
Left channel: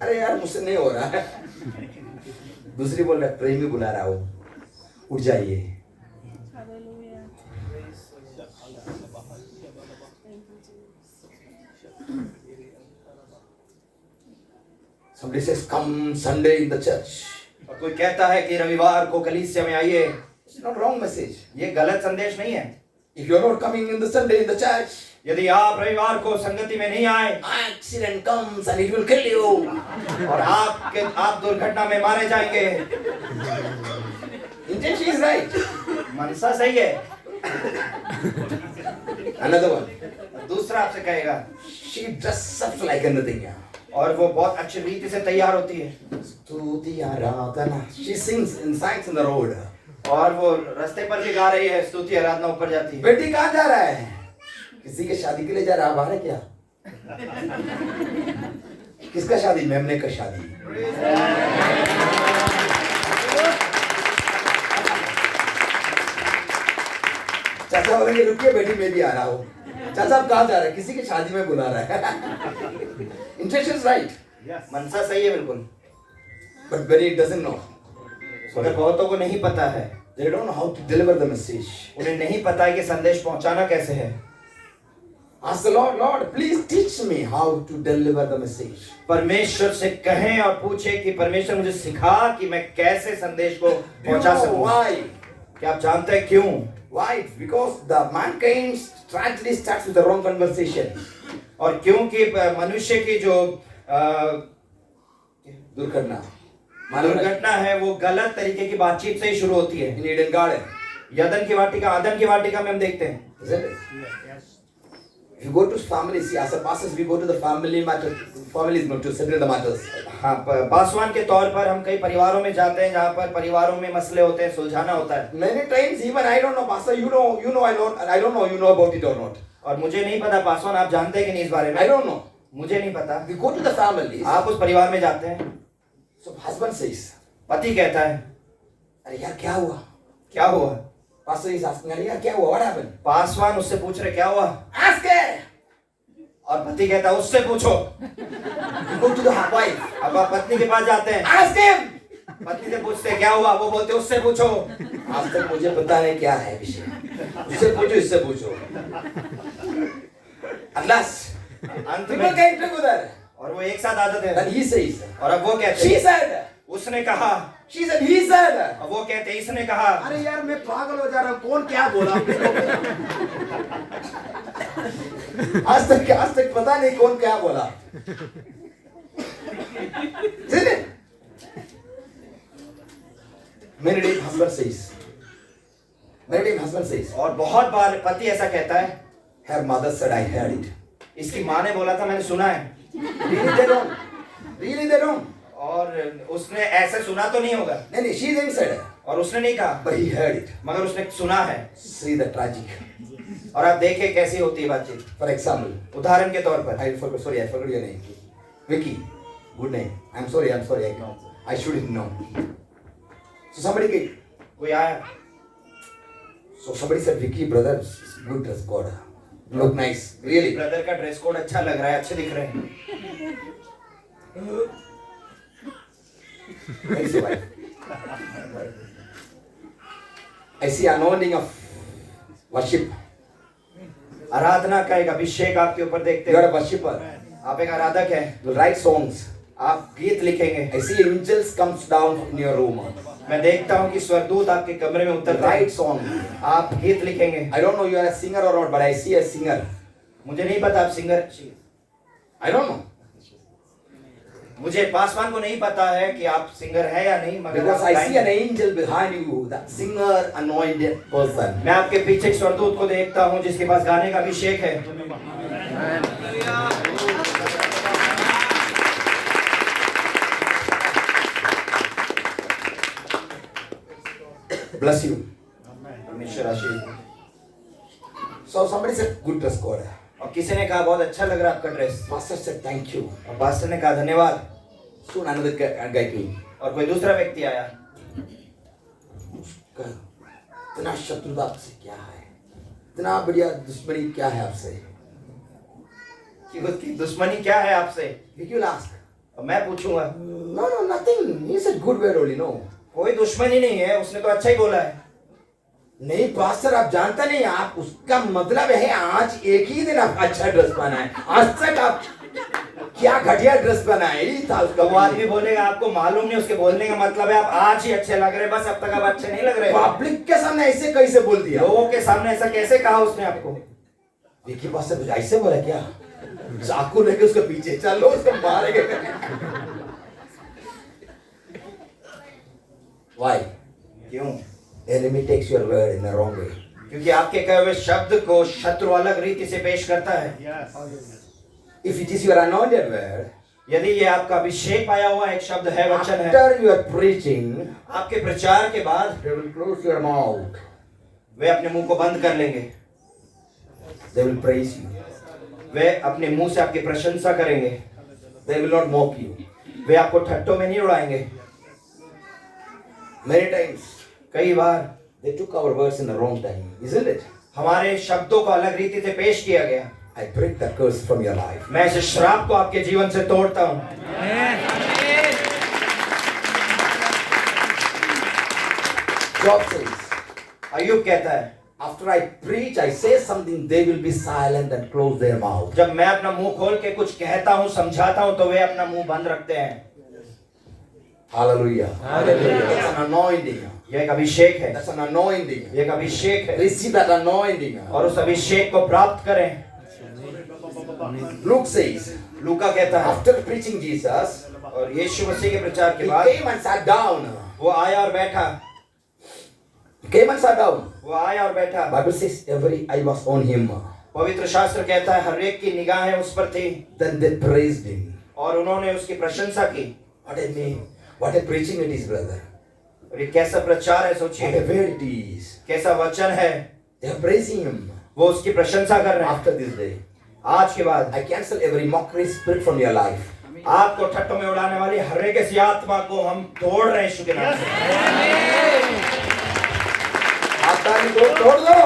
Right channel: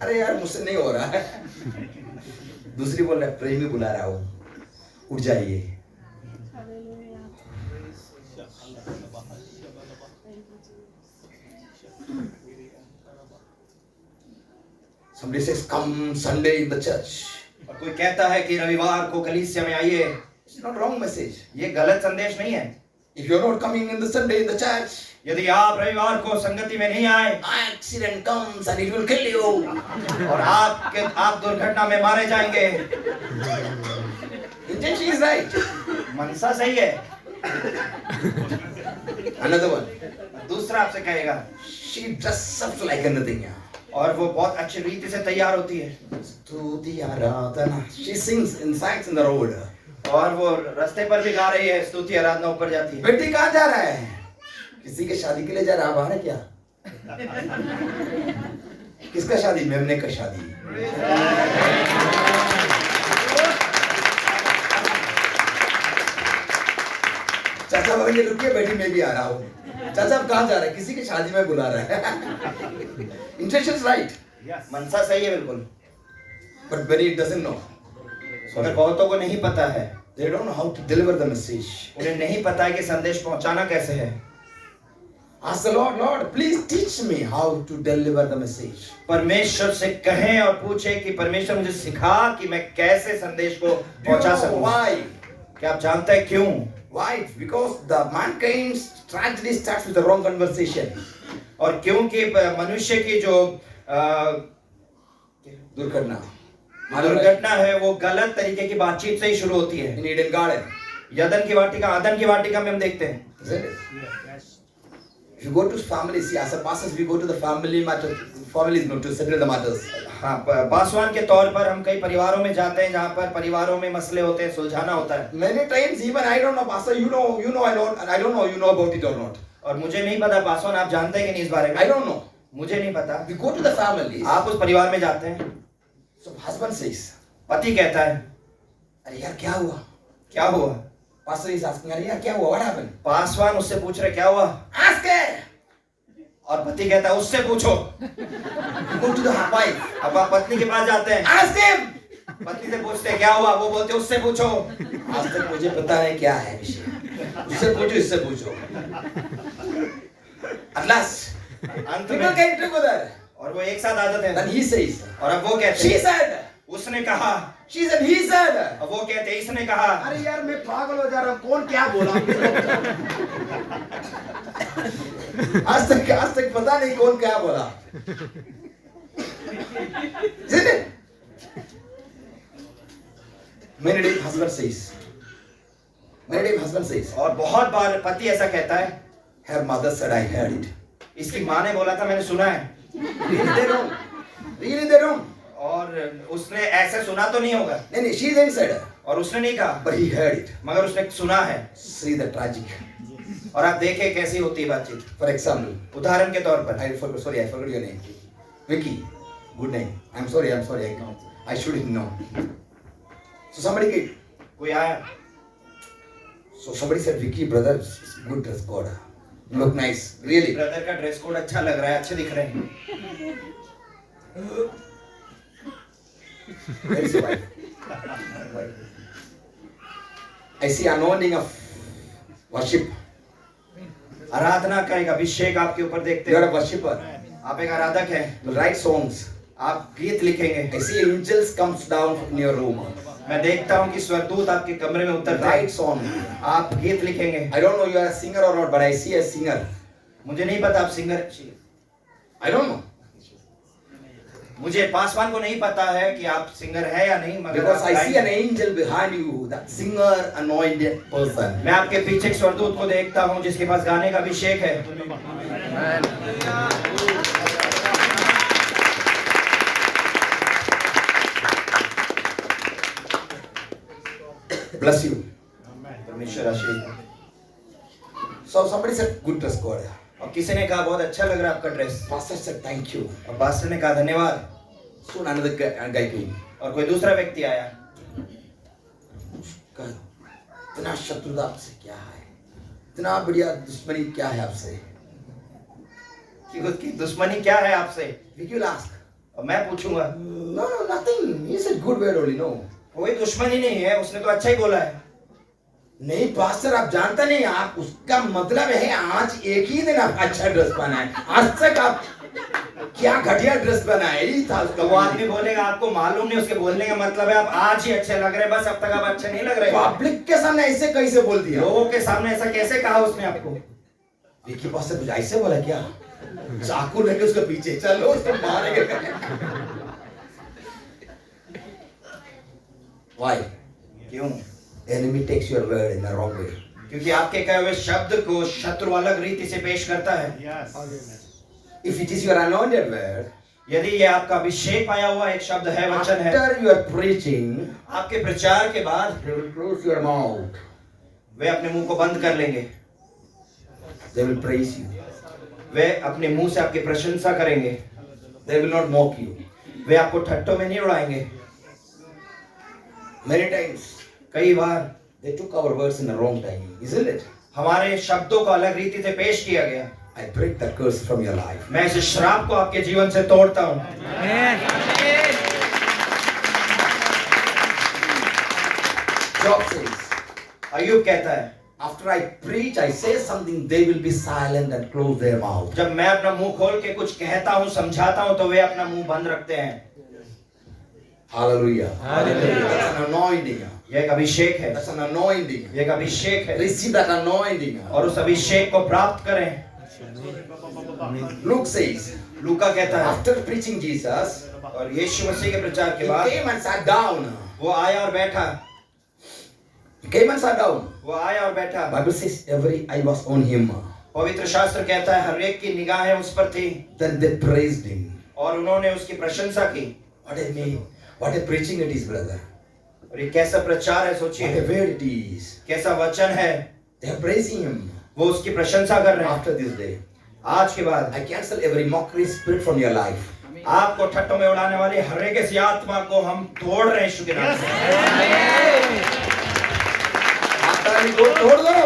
अरे यार मुझसे नहीं हो रहा है। दूसरी बोल रहा है प्रेमी बुला रहा हूं, उठ जाइए। Somebody says come Sunday in the church. और कोई कहता है कि रविवार को कलीसिया में आइए। It's not wrong message. ये गलत संदेश नहीं है। If you're not coming in the Sunday in the church, यदि आप रविवार को संगति में नहीं आए accident comes and it will kill you. और आप दुर्घटना में मारे जाएंगे। Intention is right. मनसा सही है। Another one. दूसरा आपसे कहेगा She dresses up like anything. और वो बहुत अच्छी रीति से तैयार होती है। स्तुति आराधना. She sings in the road. और वो रास्ते पर भी गा रही है, स्तुति आराधना ऊपर जाती है। बेटी कहाँ जा रहा है? किसी के शादी के लिए जा रहा है, बाहर है क्या? किसका शादी? मेमने का शादी। चाचा बोलेंगे रुकिए बेटी मैं भी आ रहा हूँ। चाचा आप कहाँ जा रहे हैं? किसी की शादी में बुला रहा है। Intention is right. मनसा सही है बिल्कुल। But many doesn't know. मगर बहुतों को नहीं पता है। They don't know how to deliver the message. उन्हें नहीं पता है कि संदेश पहुंचाना कैसे है। Ask the Lord, Lord, please teach me how to deliver the message. परमेश्वर से कहें और पूछें कि परमेश्वर मुझे सिखा कि मैं कैसे संदेश को Do you पहुंचा know सकूं। why? क्या आप जानते हैं क्यों? Why? Because the mankind's tragedy starts with the wrong conversation. और क्योंकि मनुष्य की जो दुर्घटना है वो गलत तरीके की बातचीत से ही शुरू होती है। In Eden Garden. आदम की वाटिका में हम देखते हैं। Isn't it? If you go to families, see, as a pastors, we go to the families not to settle the matters. हाँ, पासवान के तौर पर हम कई परिवारों में जाते हैं जहाँ पर परिवारों में मसले होते हैं, सुलझाना होता है। Many times, even I don't know, pastor, you know, I don't know, you know about it or not. और मुझे नहीं पता पासवान आप जानते हैं कि नहीं इस बारे में। I don't know. मुझे नहीं पता। We go to the families. आप उस परिवार में जाते हैं। So husband says, पति कहता है अरे यार क्या हुआ? क्या हुआ? Pastor is asking, अरे यार क्या हुआ? What happened? पासवान उससे पूछ रहे क्या हुआ? Ask her. और पति कहता है उससे पूछो। Go to the wife. अब आप पत्नी के पास जाते हैं, Ask him. पत्नी से पूछते हैं क्या हुआ, वो बोलते उससे पूछो। आज तक मुझे पता है क्या है विषय। उससे पूछो, इससे पूछो। At last, अंत people में came together. और वो एक साथ आते थे। Then he says, और अब वो कहते she हैं said, उसने कहा, she said, he said. अब वो कहते हैं इसने कहा। अरे यार मैं पागल हो जा रहा हूँ, कौन क्या बोला? आज तक पता नहीं कौन क्या बोला। Many times husband says, और बहुत बार पति ऐसा कहता है, her mother said I heard it. इसकी माँ ने बोला था मैंने सुना है। Really they don't. और उसने ऐसे सुना तो नहीं होगा। नहीं, she didn't say that. और उसने नहीं कहा, But he heard it. मगर उसने सुना है। See the tragic. और आप देखें कैसी होती है बातचीत। For example, उदाहरण के तौर पर, I forgot your name. Vicky. Good name. I'm sorry. I shouldn't know. So somebody came. कोई आया, So somebody said, Vicky, brother, good dress code. You look nice. Really. Brother का ड्रेस कोड अच्छा लग रहा है, अच्छे दिख रहे हैं। Where is your wife? ऐसी anointing of worship. आराधना का एक अभिषेक आपके ऊपर देखते You are हैं। a worshipper. आप एक आराधक हैं। You write songs. आप गीत लिखेंगे। I see angels comes down in your room. मैं देखता हूँ कि स्वर्गदूत आपके कमरे में उतरते हैं। Write song. आप गीत लिखेंगे। I don't know you are a singer or not, but I see a singer. मुझे नहीं पता आप सिंगर, I don't know. मुझे पासवान को नहीं पता है कि आप सिंगर है या नहीं, मगर Because आप I see an गाएंगे। angel behind you, that singer anointed person. मैं आपके पीछे एक स्वर्गदूत को देखता हूँ जिसके पास गाने का अभिषेक है। Bless you. परमेश्वर आशीष दे। So somebody said, good dress code. और किसी ने कहा बहुत अच्छा लग रहा है आपका dress, Pastor said, thank you. और पास्टर ने कहा धन्यवाद। Soon another guy came. और कोई दूसरा व्यक्ति आया। इतना शत्रुता आपसे क्या है? इतना बढ़िया दुश्मनी क्या है आपसे? कि उसकी दुश्मनी क्या है आपसे? Vicky will ask. और मैं पूछूंगा, No, no, nothing. He said good word only, no. कोई दुश्मनी नहीं है, उसने तो अच्छा ही बोला है। नहीं पास्टर आप जानता नहीं, आप उसका मतलब है आज एक ही दिन आप अच्छा ड्रेस पहना है, आज तक आप क्या घटिया ड्रेस पहना है, यही था उसका। वो आदमी बोलेगा आपको मालूम नहीं, उसके बोलने का मतलब है आप आज ही अच्छे लग रहे हैं, बस अब तक आप अच्छे नहीं लग रहे। पब्लिक के सामने ऐसे कैसे बोल दिया? लोगों के सामने ऐसा कैसे कहा उसने आपको? विकी पास्टर कुछ ऐसे बोला क्या? चाकू लेके उसके पीछे चलो, उसको मारेंगे। Why? क्यों? Enemy takes your word in the wrong way. क्योंकि आपके कहे हुए शब्द को शत्रु अलग रीति से पेश करता है। If it is your anointed word, यदि ये आपका अभिषेक पाया हुआ एक शब्द है, वचन है, after you are preaching, आपके प्रचार के बाद they will close your mouth. वे अपने मुंह को बंद कर लेंगे। They will praise you. वे अपने मुंह से आपकी प्रशंसा करेंगे। They will not mock you. वे आपको ठट्टों में नहीं उड़ाएंगे। Many times कई बार they took our words in the wrong time, isn't it? हमारे शब्दों को अलग रीति से पेश किया गया। I break that curse from your life. मैं इस श्राप को आपके जीवन से तोड़ता हूँ। Job says, अय्यूब कहता है, after I preach, I say something, they will be silent and close their mouth. जब मैं अपना मुंह खोल के कुछ कहता हूँ, समझाता हूँ, तो वे अपना मुंह बंद रखते हैं। Hallelujah. Hallelujah. That's an anointing. यह एक अभिषेक है। That's an anointing. यह एक अभिषेक है। Receive that anointing. और उस अभिषेक को प्राप्त करें। Luke says, लूका कहता है, after preaching Jesus, और यीशु मसीह के प्रचार he के बाद came and sat down. वो आया और बैठा। He came and sat down. वो आया और बैठा। Bible says every eye was on him. पवित्र शास्त्र कहता है हर एक की निगाहें उस पर थी, Then they praised him. और उन्होंने उसकी प्रशंसा की। What a name. What a preaching it is, brother. और ये कैसा प्रचार है, What a सोचिए। word it is. कैसा वचन है। They are praising him. वो उसकी प्रशंसा कर रहे हैं। After this day, आज के बाद I cancel every mockery spirit from your life. आपको ठट्टों में उड़ाने वाली हर एक ऐसी आत्मा को हम तोड़ रहे हैं यीशु के नाम से। आत्मा को तोड़ दो।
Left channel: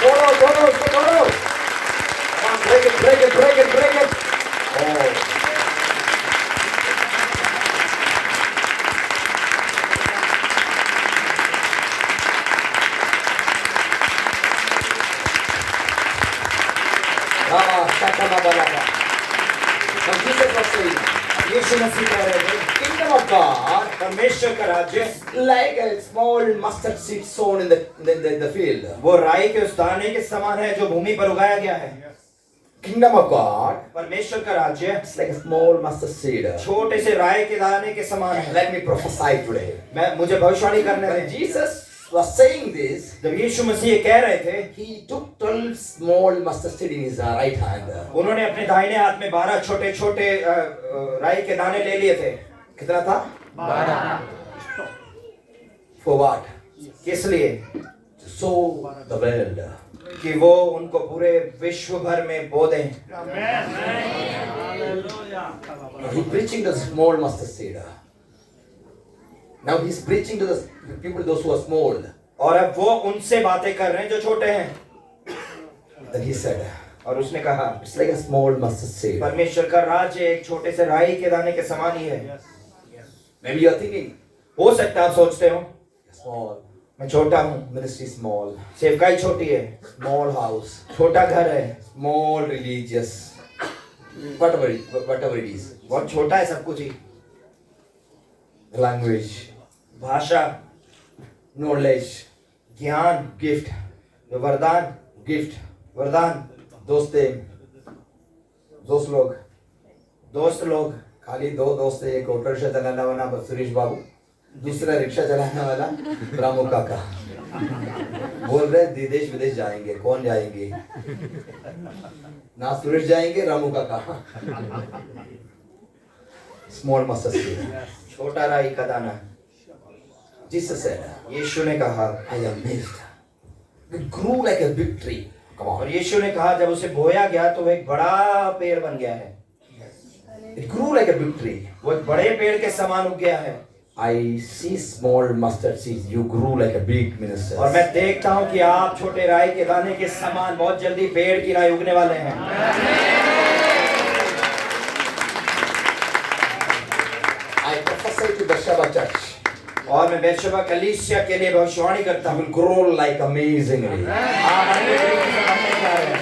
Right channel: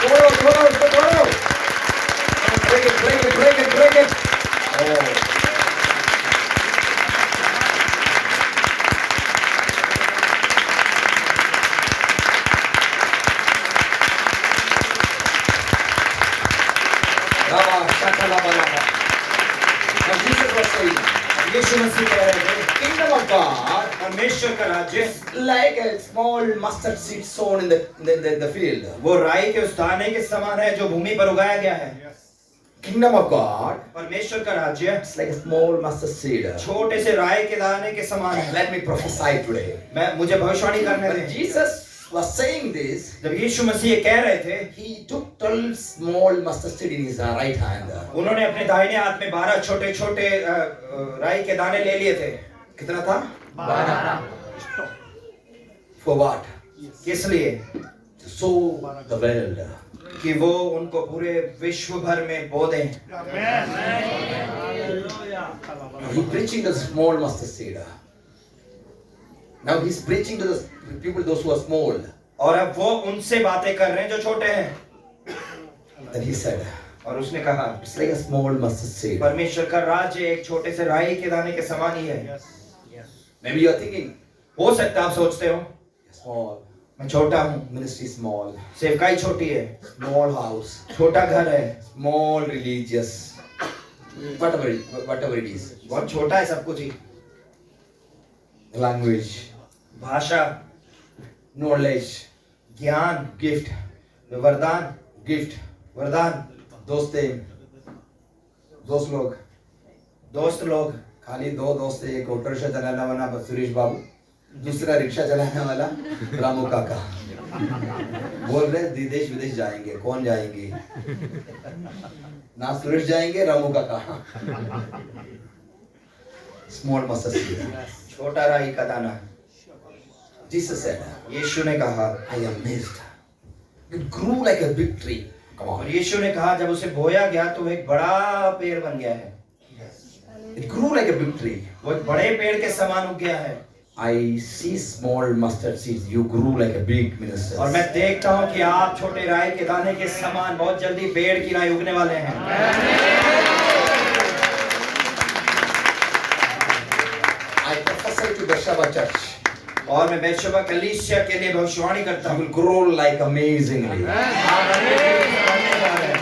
तोड़ो, उसको तोड़ो। Break it, break it, break it, break it. Oh. यीशु मसीह कह रहे थे, Kingdom of God, परमेश्वर का राज्य like a small mustard seed sown in the field. वो राई के उस दाने के समान है जो भूमि पर उगाया गया है। Kingdom of God, परमेश्वर का राज्य it's like a small mustard seed. छोटे से राई के दाने के समान है। Let me prophesy today. मुझे भविष्यवाणी करने When दें। Jesus was saying this, जब यीशु मसीह ये कह रहे थे, he took 12 small mustard seed in his right hand. उन्होंने अपने दाहिने हाथ में 12 छोटे छोटे राई के दाने ले लिए थे। कितना था? 12. For what? किस लिए? To sow the world. कि वो उनको पूरे विश्व भर में बो दें। Now he preaching the small mustard seed. Now he's preaching to the people, those who are small. और अब वो उनसे बातें कर रहे हैं जो छोटे हैं। Then he said, और उसने कहा, it's like a small mustard seed. परमेश्वर का राज्य एक छोटे से राई के दाने के समान ही है। Maybe you are thinking, हो सकता है आप सोचते हो small, मैं छोटा हूँ, ministry small, सेवकाई छोटी है, small house, छोटा घर है, small religious, whatever it is. बहुत छोटा है सब कुछ ही, Language, भाषा, knowledge, ज्ञान, gift, वरदान, gift, वरदान, दोस्त लोग, दोस्त लोग, खाली दो दोस्त थे, एक ऑटो रिक्शा चलाने वाला सुरेश बाबू, दूसरा रिक्शा चलाने वाला रामू काका। बोल रहे देश विदेश जाएंगे, कौन जाएंगे? ना सुरेश जाएंगे, रामू काका। स्मॉल मस्टर्ड सीड, छोटा राई का दाना। जीसस said, यीशु ने कहा, I am missed. It grew like a big tree. Come और on. यीशु ने कहा जब उसे बोया गया तो वो एक बड़ा पेड़ बन गया है, It grew like a big tree. वो एक बड़े पेड़ के समान उग गया है। I see small mustard seeds. You grew like a big minister. और मैं देखता हूँ कि आप छोटे राई के दाने के समान बहुत जल्दी पेड़ की राई उगने वाले हैं। I prophesy to Beersheba Church. और मैं बेर्शेबा कलीसिया के लिए भविष्यवाणी करता You हूँ, will grow like amazingly. आप अपने पेड़ से बढ़ने जा रहे हैं।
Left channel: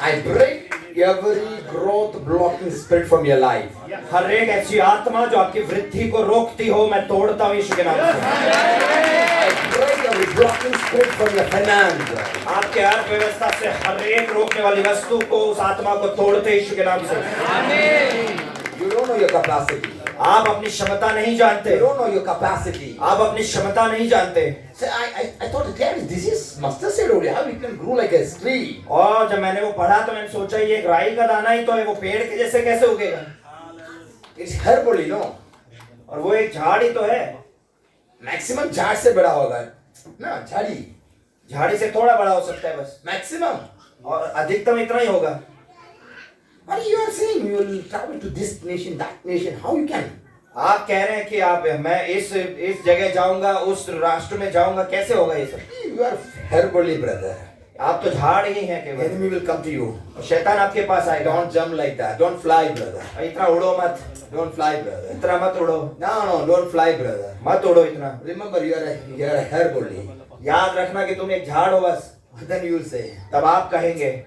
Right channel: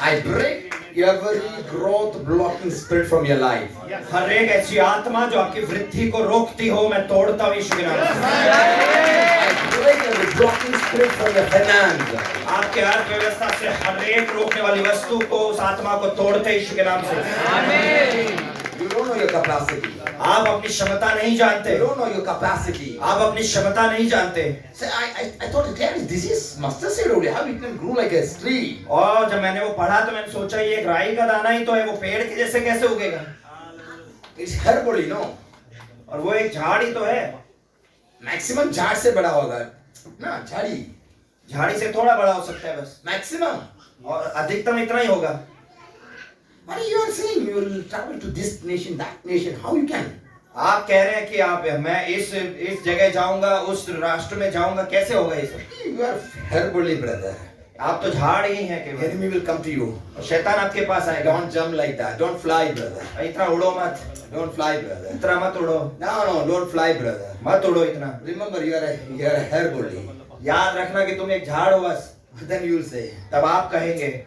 I break every growth blocking spirit from your life. हर एक ऐसी आत्मा जो आपकी वृद्धि को रोकती हो मैं तोड़ता हूँ यीशु के नाम से। I break every blocking spirit from your finance. आपके अर्थव्यवस्था से हर एक रोकने वाली वस्तु को, उस आत्मा को तोड़ते हैं यीशु के नाम से। You don't know your capacity. आप अपनी क्षमता नहीं जानते, You don't know your capacity. आप अपनी क्षमता नहीं जानते। Say, I thought, this is mustard seed only. How it can grow like a tree? और जब मैंने वो पढ़ा तो मैंने सोचा ये एक राई का दाना ही तो है, वो पेड़ के जैसे कैसे उगेगा? It's herbal, you know. और वो एक झाड़ ही तो है, Maximum झाड़ से बड़ा होगा ना, झाड़ी झाड़ी से थोड़ा बड़ा हो सकता है बस, maximum. और अधिकतम इतना ही होगा। What you are saying? You will travel to this nation, that nation. How you can? आप कह रहे हैं कि आप मैं इस जगह जाऊंगा, उस राष्ट्र में जाऊंगा, कैसे होगा ये सब? You are herbally, brother. आप तो झाड़ ही हैं केवल। Enemy will come to you. और शैतान आपके पास आएगा। Don't jump like that. Don't fly, brother. इतना उड़ो मत, Don't fly, brother. इतना मत उड़ो, No, don't fly, brother. मत उड़ो इतना। Remember, you are a herbally. याद रखना कि तुम एक झाड़ हो बस। Then you will say, तब आप कहेंगे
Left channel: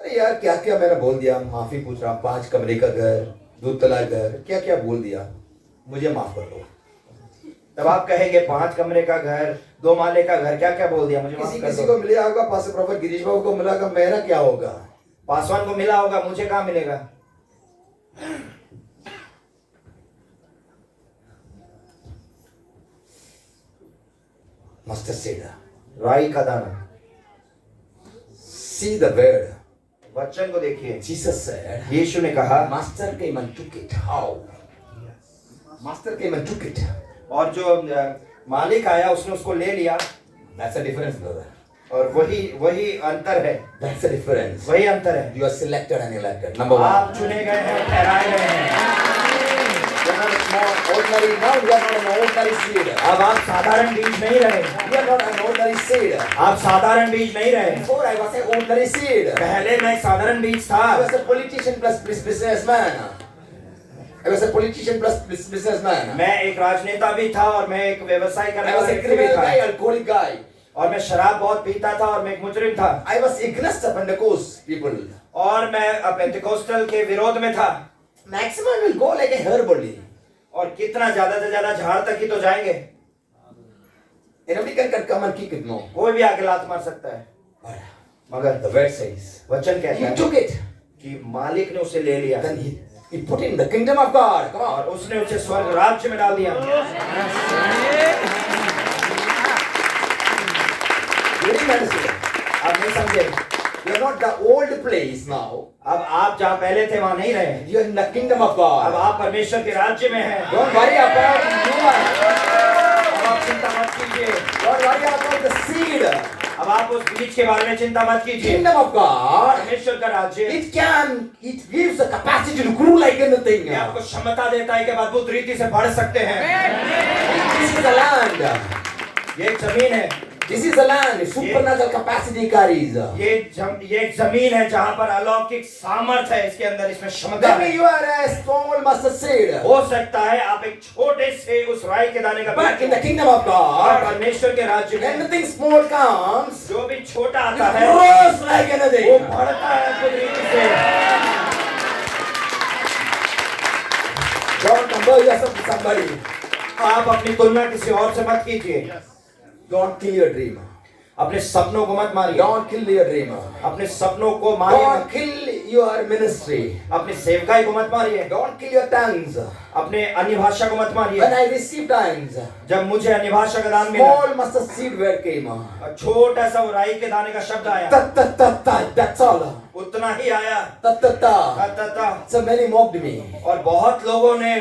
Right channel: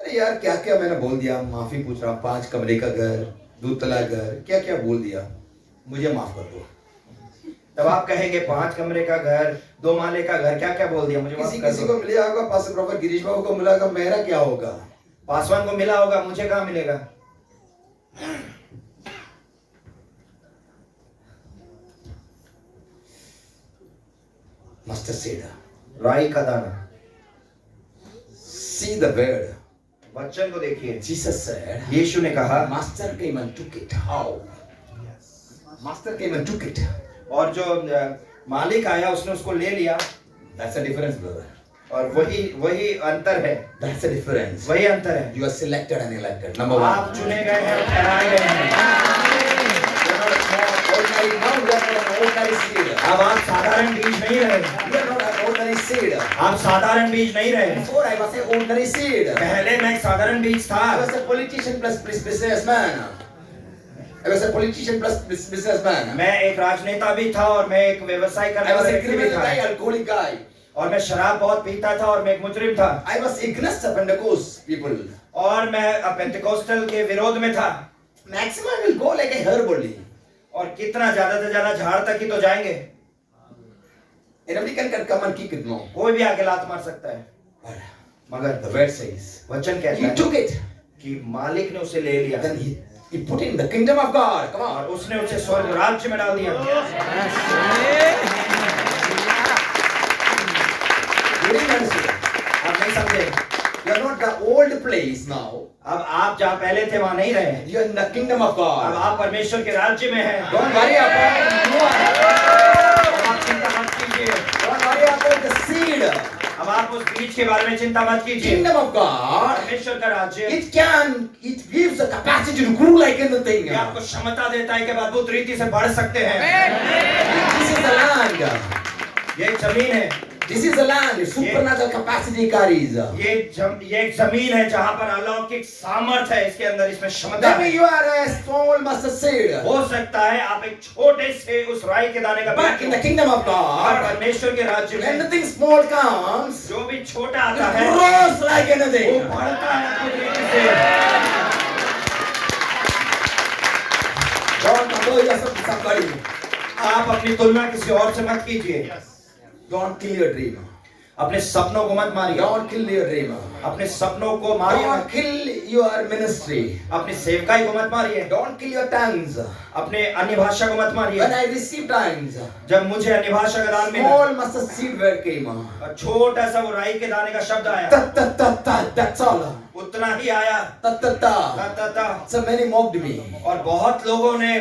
अरे यार क्या क्या मैंने बोल दिया, माफी पूछ रहा हूँ, 5 कमरे का घर, 2 तला घर, क्या क्या बोल दिया, मुझे माफ कर दो। तब आप कहेंगे 5 कमरे का घर, 2 माले का घर, क्या क्या बोल दिया, मुझे माफ किसी कर किसी दो। को मिला होगा, पास्टर प्रोफेसर गिरीश बाबू को मिला होगा, मेरा क्या होगा? पासवान को मिला होगा, मुझे कहाँ मिलेगा? Mustard seed. राई का दाना। See the word. वचन को देखिए। Jesus said, यीशु ने कहा, Master came and took it. How? Master came and took it. और जो मालिक आया उसने उसको ले लिया। That's a difference, brother. और वही अंतर है, That's a difference. वही अंतर है। You are selected and elected. Number आप 1. चुने गए हैं और ठहराए गए हैं। Ordinary, now you are not an ordinary seed. अब आप साधारण बीज नहीं रहे, You are not an ordinary seed. आप साधारण बीज नहीं रहे। Before I was an ordinary seed. पहले मैं एक साधारण बीज था, I was a politician plus businessman. I was a politician plus businessman. मैं एक राजनेता भी था और मैं एक व्यवसाय करने I was वाला a व्यक्ति भी criminal था, guy, alcoholic guy. और मैं शराब बहुत पीता था और मैं एक मुजरिम था, I was against the Pentecost people. और मैं पेंटिकोस्टल के विरोध में था। Maximum will go like a herbally. और कितना ज्यादा से ज्यादा झाड़ तक ही तो जाएंगे, Anybody can come and kick it, no. कोई भी आके लात मार सकता है। But मगर the word says, वचन कहता he है took it. कि मालिक ने उसे ले लिया, Then he put it in the kingdom of God. Come on. और उसने उसे स्वर्ग राज्य में डाल दिया। You didn't understand. आप नहीं समझे? You are not the old place now. अब आप जहाँ पहले थे वहाँ नहीं रहे, You are in the kingdom of अब God. आप परमेश्वर के राज्य में हैं। Don't worry about you are. अब आप चिंता मत कीजिए, Don't worry about the seed. अब आप उस बीज के बारे में चिंता मत कीजिए। Kingdom of God. परमेश्वर का राज्य It gives the capacity to grow like anything. ये आपको क्षमता देता है कि आप अद्भुत रीति से बढ़ सकते हैं। This is the land. ये एक जमीन है, This is a land, supernatural capacity carries. ये एक जमीन है जहां पर अलौकिक सामर्थ है, इसके अंदर इसमें क्षमता है। Maybe you are a small mustard seed. हो सकता है आप एक छोटे से उस राई के दाने का But in the kingdom of और God, परमेश्वर के राज्य में anything small comes, जो भी छोटा it आता है grows like वो anything. बढ़ता है अद्भुत रीति से। Don't compare yourself to somebody. आप अपनी तुलना किसी और से मत कीजिए। Don't kill your dream. अपने सपनों को मत मारिए। Don't kill your dream. अपने सपनों को मारिए Don't मत। kill your ministry. अपनी सेवकाई को मत मारिए। Don't kill your tongues. अपने अन्य भाषा को मत मारिए। When I received tongues, जब मुझे अन्य भाषा का दान मिला, small mustard seed word came. छोटा सा वो राई के दाने का शब्द आया, Ta ta ta ta. That's all. उतना ही आया। Ta ta ta. ता ता ता। So many mocked me. और बहुत लोगों ने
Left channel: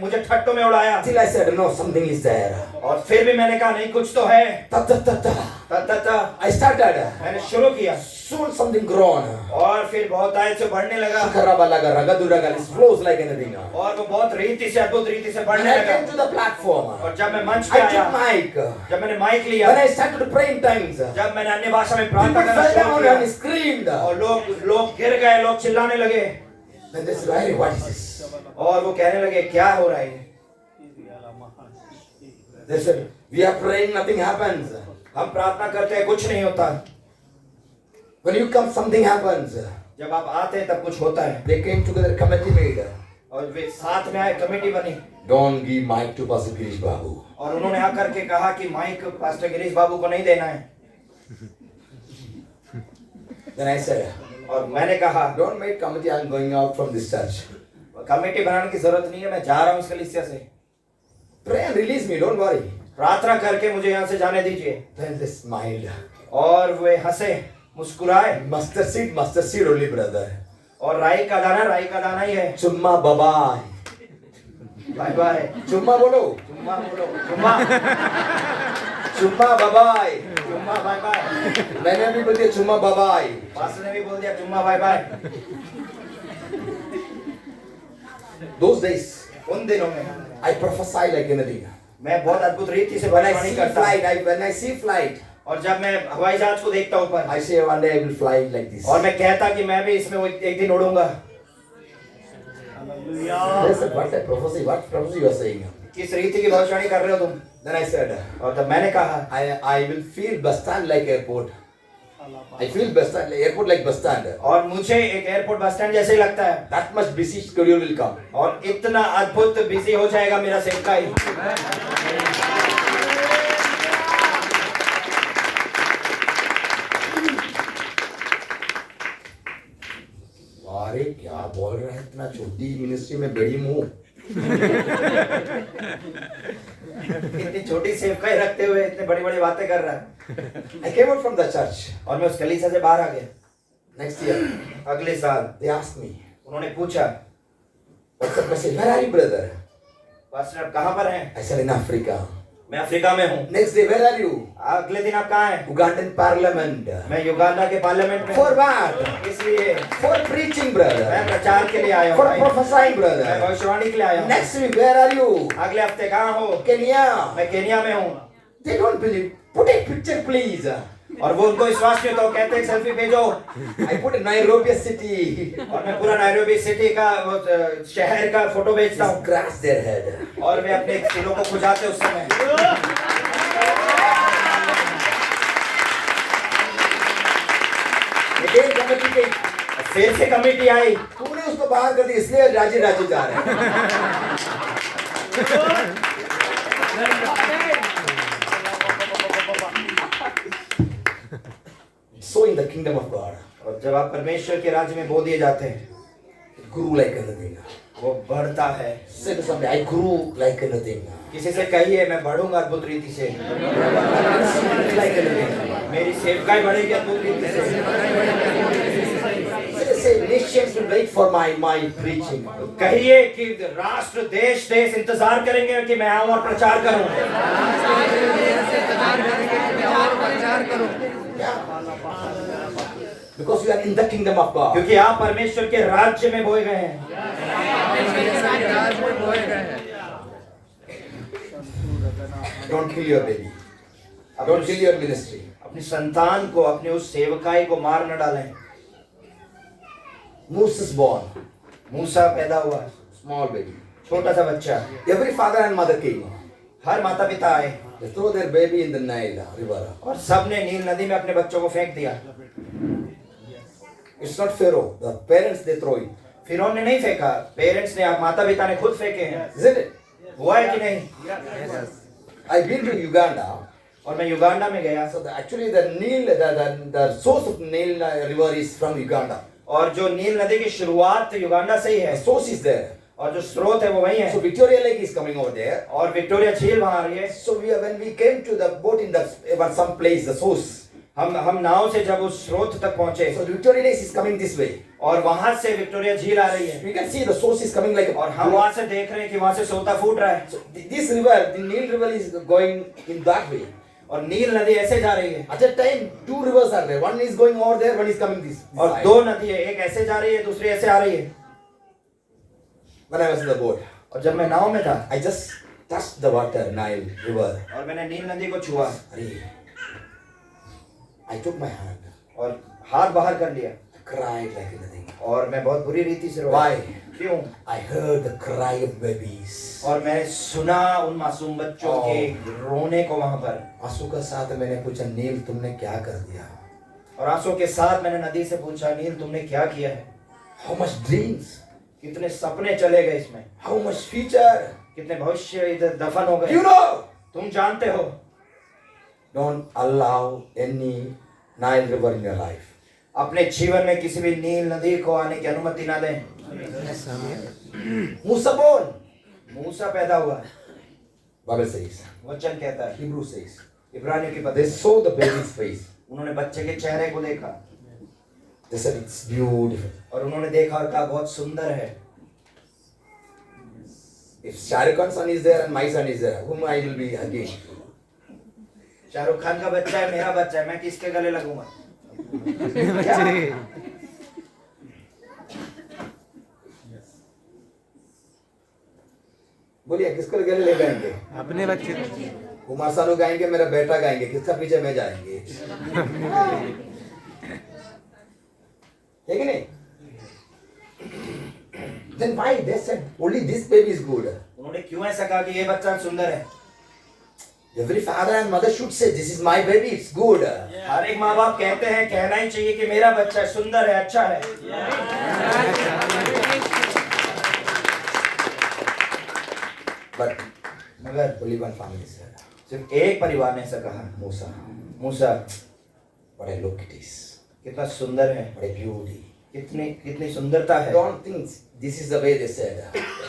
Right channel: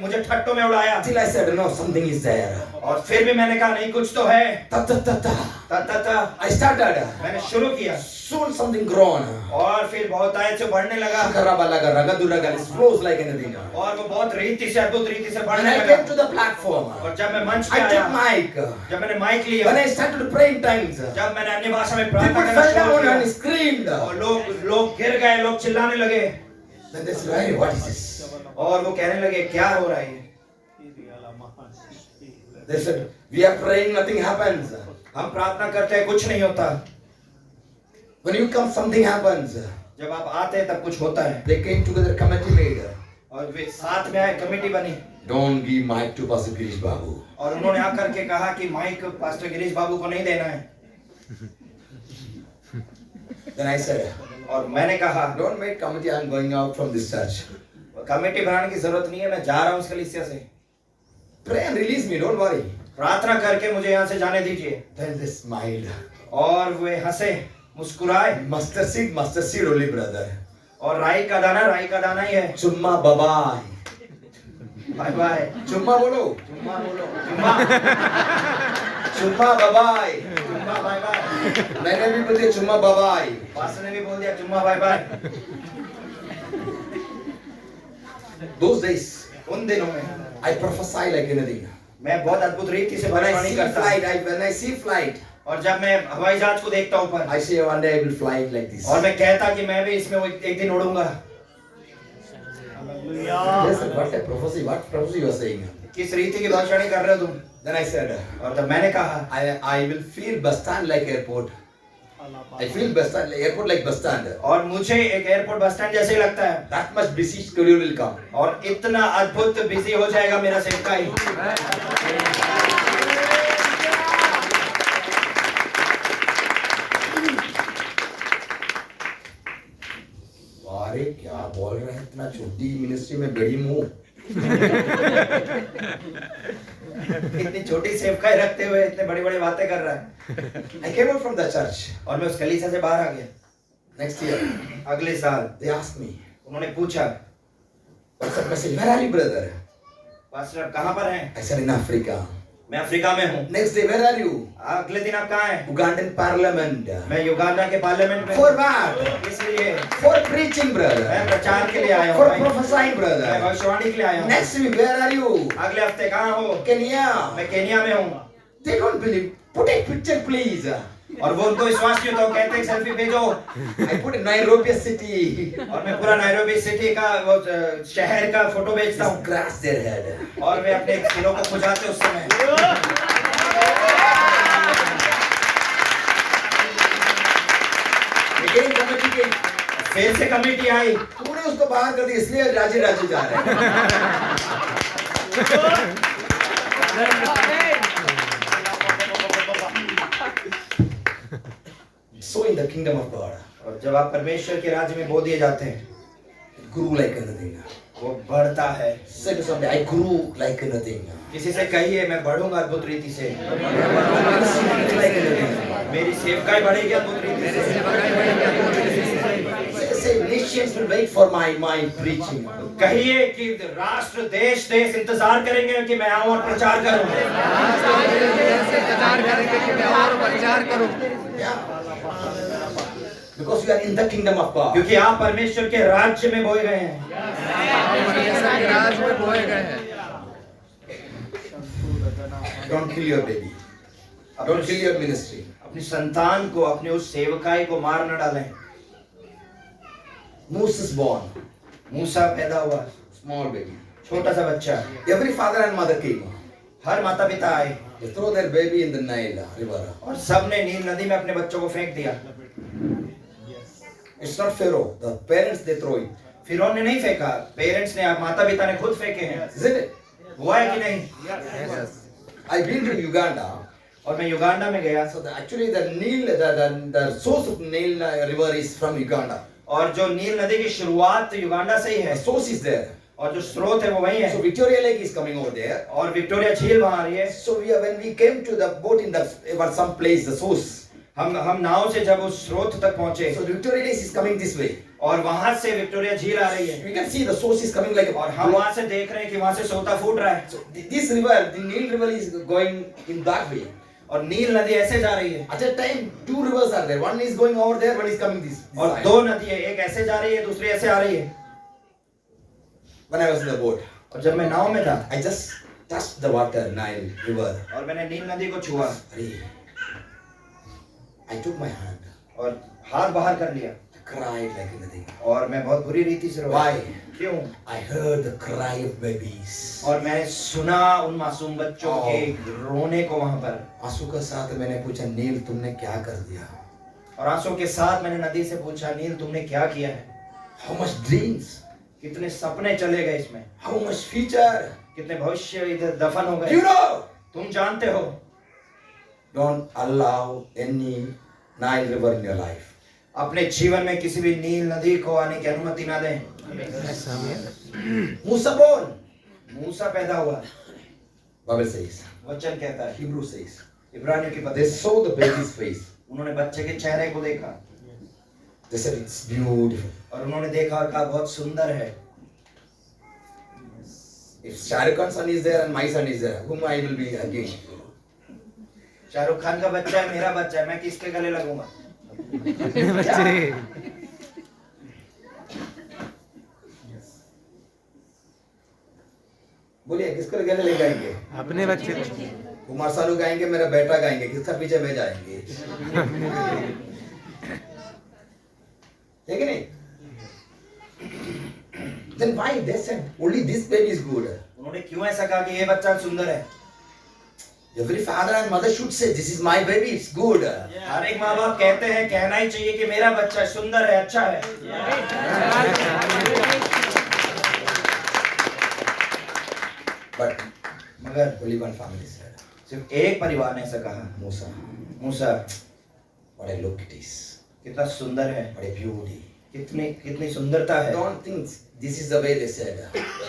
मुझे ठट्टों में उड़ाया। Till I said, no, something is there. और फिर भी मैंने कहा नहीं, कुछ तो है। Ta ta ta ta. ता ता ता। I started. मैंने शुरू किया Soon something grown. और फिर बहुत आयत से बढ़ने लगा Shikarabalaga, ragaduraga, it flows like anything. और वो बहुत रीति से, अद्भुत रीति से When बढ़ने I came to लगा। the platform, और जब मैं मंच पे I आया, took mic. जब मैंने माइक लिया, When I started to pray in tongues, जब मैंने अन्य भाषा में people प्रार्थना करना fell शुरू down किया and screamed. और लोग गिर गए, लोग चिल्लाने लगे Then they said, "Hey, what is this?" और वो कहने लगे क्या हो रहा है ये? They said, "We are praying, nothing happens. हम प्रार्थना करते हैं, कुछ नहीं होता। When you come, something happens." जब आप आते हैं तब कुछ होता है। They came together, committee made. और वे साथ में आए, कमेटी बनी Don't give mic to Pastor Girish Babu. और उन्होंने आकर के कहा कि माइक पास्टर गिरीश बाबू को नहीं देना है। Then I said, और मैंने कहा "Don't make committee. I'm going out from this church. Committee बनाने की जरूरत नहीं है, मैं जा रहा हूँ इस कलीसिया से। Pray and release me. Don't worry." प्रार्थना करके मुझे यहाँ से जाने दीजिए। Then they smiled. और वे हंसे, मुस्कुराए। Mustard seed only, brother. और राई का दाना ही है। Chumma bye-bye. Bye bye. Chumma bolo. चुम्मा बोलो, चुम्मा। Chumma bye-bye. चुम्मा बाय बाय। मैंने भी बोल दिया चुम्मा bye-bye. पास्टर ने भी बोल दिया चुम्मा बाय बाय। Those days, उन दिनों में I prophesy like anything. मैं बहुत अद्भुत रीति से When I भविष्यवाणी see करता हूँ। when I see flight, और जब मैं हवाई जहाज को देखता हूँ ऊपर, I say one day I will fly like this. और मैं कहता कि मैं भी इसमें एक दिन उड़ूंगा। They said, what a prophecy? What prophecy you are saying? किस रीति की भविष्यवाणी कर रहे हो तुम? Then I said, और तब मैंने कहा I will feel bus stand like airport. I feel bus stand, airport like bus stand. और मुझे एक एयरपोर्ट बस स्टैंड जैसे ही लगता है। That much busy schedule will come. और इतना अद्भुत बिजी हो जाएगा मेरा सेवकाई। अरे क्या बोल रहे हैं, इतना छोटी मिनिस्ट्री में बड़ी मुंह। इतनी छोटी सेवकाई रखते हुए इतने बड़ी बड़ी बातें कर रहा है। I came out from the church. और मैं उस कलीसिया से बाहर आ गया। Next year, अगले साल they asked me, उन्होंने पूछा, I said, where are you, brother? Pastor आप कहाँ पर हैं? I said, in Africa. मैं अफ्रीका में हूँ। Next day, where are you? अगले दिन आप कहाँ हैं? Ugandan parliament. मैं युगांडा के पार्लियामेंट में। For what? इसलिए For preaching, brother. मैं प्रचार के लिए आया हूँ। For prophesying, मैं brother. भविष्यवाणी के लिए आया हूँ। Next week, where are you? अगले हफ्ते कहाँ हो? Kenya. मैं केनिया में हूँ। They don't believe. Put a picture, please. और वो उनको विश्वास नहीं होता, वो कहते हैं सेल्फी भेजो। I put in Nairobi city. और मैं पूरा नायरोबी सिटी का वो शहर का फोटो भेजता Just हूँ। scratch their head. और मैं अपने सिरों को खुजाते उस समय। Again, committee came. फिर से कमेटी आई। तूने उसको बाहर कर दिया, इसलिए राजे राजे जा रहे हैं। So in the kingdom of God, और जब आप परमेश्वर के राज्य में बो दिए जाते हैं, grew like anything. वो बढ़ता है। Say to somebody, I grew like anything. किसी से कहिए मैं बढ़ूंगा अद्भुत रीति से। Like anything. मेरी सेवकाई बढ़ेगी अद्भुत रीति से। Say nations will wait for my preaching. कहिए कि राष्ट्र देश इंतजार करेंगे कि मैं आऊं और प्रचार करूं। Because you are in the kingdom of God. क्योंकि आप परमेश्वर के राज्य में बोए गए हैं। Don't kill your baby. Don't kill your ministry. अपनी संतान को, अपने उस सेवकाई को मार न डालें। Moses born, मूसा पैदा हुआ, small baby. छोटा सा बच्चा। Every father and mother came. हर माता पिता आए They throw their baby in the Nile river. और सब ने नील नदी में अपने बच्चों को फेंक दिया। It's not Pharaoh. The parents they throw it. फिरौन ने नहीं फेंका, पेरेंट्स ने, माता पिता ने खुद फेंके हैं। Isn't it? हुआ है कि नहीं? I've been to Uganda. और मैं युगांडा में गया, So actually the Nile, the source of Nile river is from Uganda. और जो नील नदी की शुरुआत युगांडा से ही The है source is there. और जो स्रोत है वो वही So है। Victoria Lake is coming over there. और विक्टोरिया झील वहां आ रही है। So when we came to the boat in the about some place, the source. हम नाव से जब उस स्रोत तक पहुंचे So Victoria Lake is coming this way. और वहां से विक्टोरिया झील आ रही है You can see the source is coming like. और हम वहां से देख रहे हैं कि वहां से सोता फूट रहा है। So this river, the Nile river is going in that way. और नील नदी ऐसे जा रही है At that time, two rivers are there. One is going over there, one is coming this और side. दो नदी है, एक ऐसे जा रही है, दूसरी ऐसे आ रही है। When I was in the boat, और जब मैं नाव में था I just touched the water, Nile river. और मैंने नील नदी को छुआ Arey. I took my hand. और हाथ बाहर कर लिया I cried like anything. और मैं बहुत बुरी रीति से रोया। Why? क्यों? I heard the cry of babies. और मैंने सुना उन मासूम बच्चों के रोने को वहां पर। आंसू के साथ मैंने पूछा, नील तुमने क्या कर दिया? और आंसू के साथ मैंने नदी से पूछा, नील तुमने क्या किया है? How much dreams? कितने सपने चले गए इसमें, How much future? कितने भविष्य इधर दफन हो You गए। know? तुम जानते हो, Don't allow any Nile river in your life. अपने जीवन में किसी भी नील नदी को आने की अनुमति ना दें। Musa born. मूसा पैदा हुआ, Bible says. वचन कहता है, Hebrew says. इब्रानियों की They पत्री, saw the baby's face. उन्होंने बच्चे के चेहरे को देखा They said it's beautiful. और उन्होंने देखा और कहा बहुत सुंदर है। If Shah Rukh Khan's son is there and my son is there, whom I will be hugging? Shahrukh Khan का बच्चा है, मेरा बच्चा है, मैं किसके गले लगूंगा? अपने बच्चे। बोलिए किसको गले ले गाएंगे? अपने बच्चे। कुमार सानू गाएंगे, मेरा बेटा गाएंगे, किसका पीछे में जाएंगे? है कि नहीं? Then why they said only this baby is good? उन्होंने क्यों ऐसा कहा कि ये बच्चा सुंदर है? Every father and mother should say, this is my baby, it's good. हर एक माँ बाप कहते हैं, कहना ही चाहिए कि मेरा बच्चा सुंदर है, अच्छा है। But मगर only one family said, सिर्फ एक परिवार ने ऐसा कहा, Musa, Musa what a look it is, कितना सुंदर है, what a beauty. कितनी कितनी सुंदरता है। Don't think this is the way they said.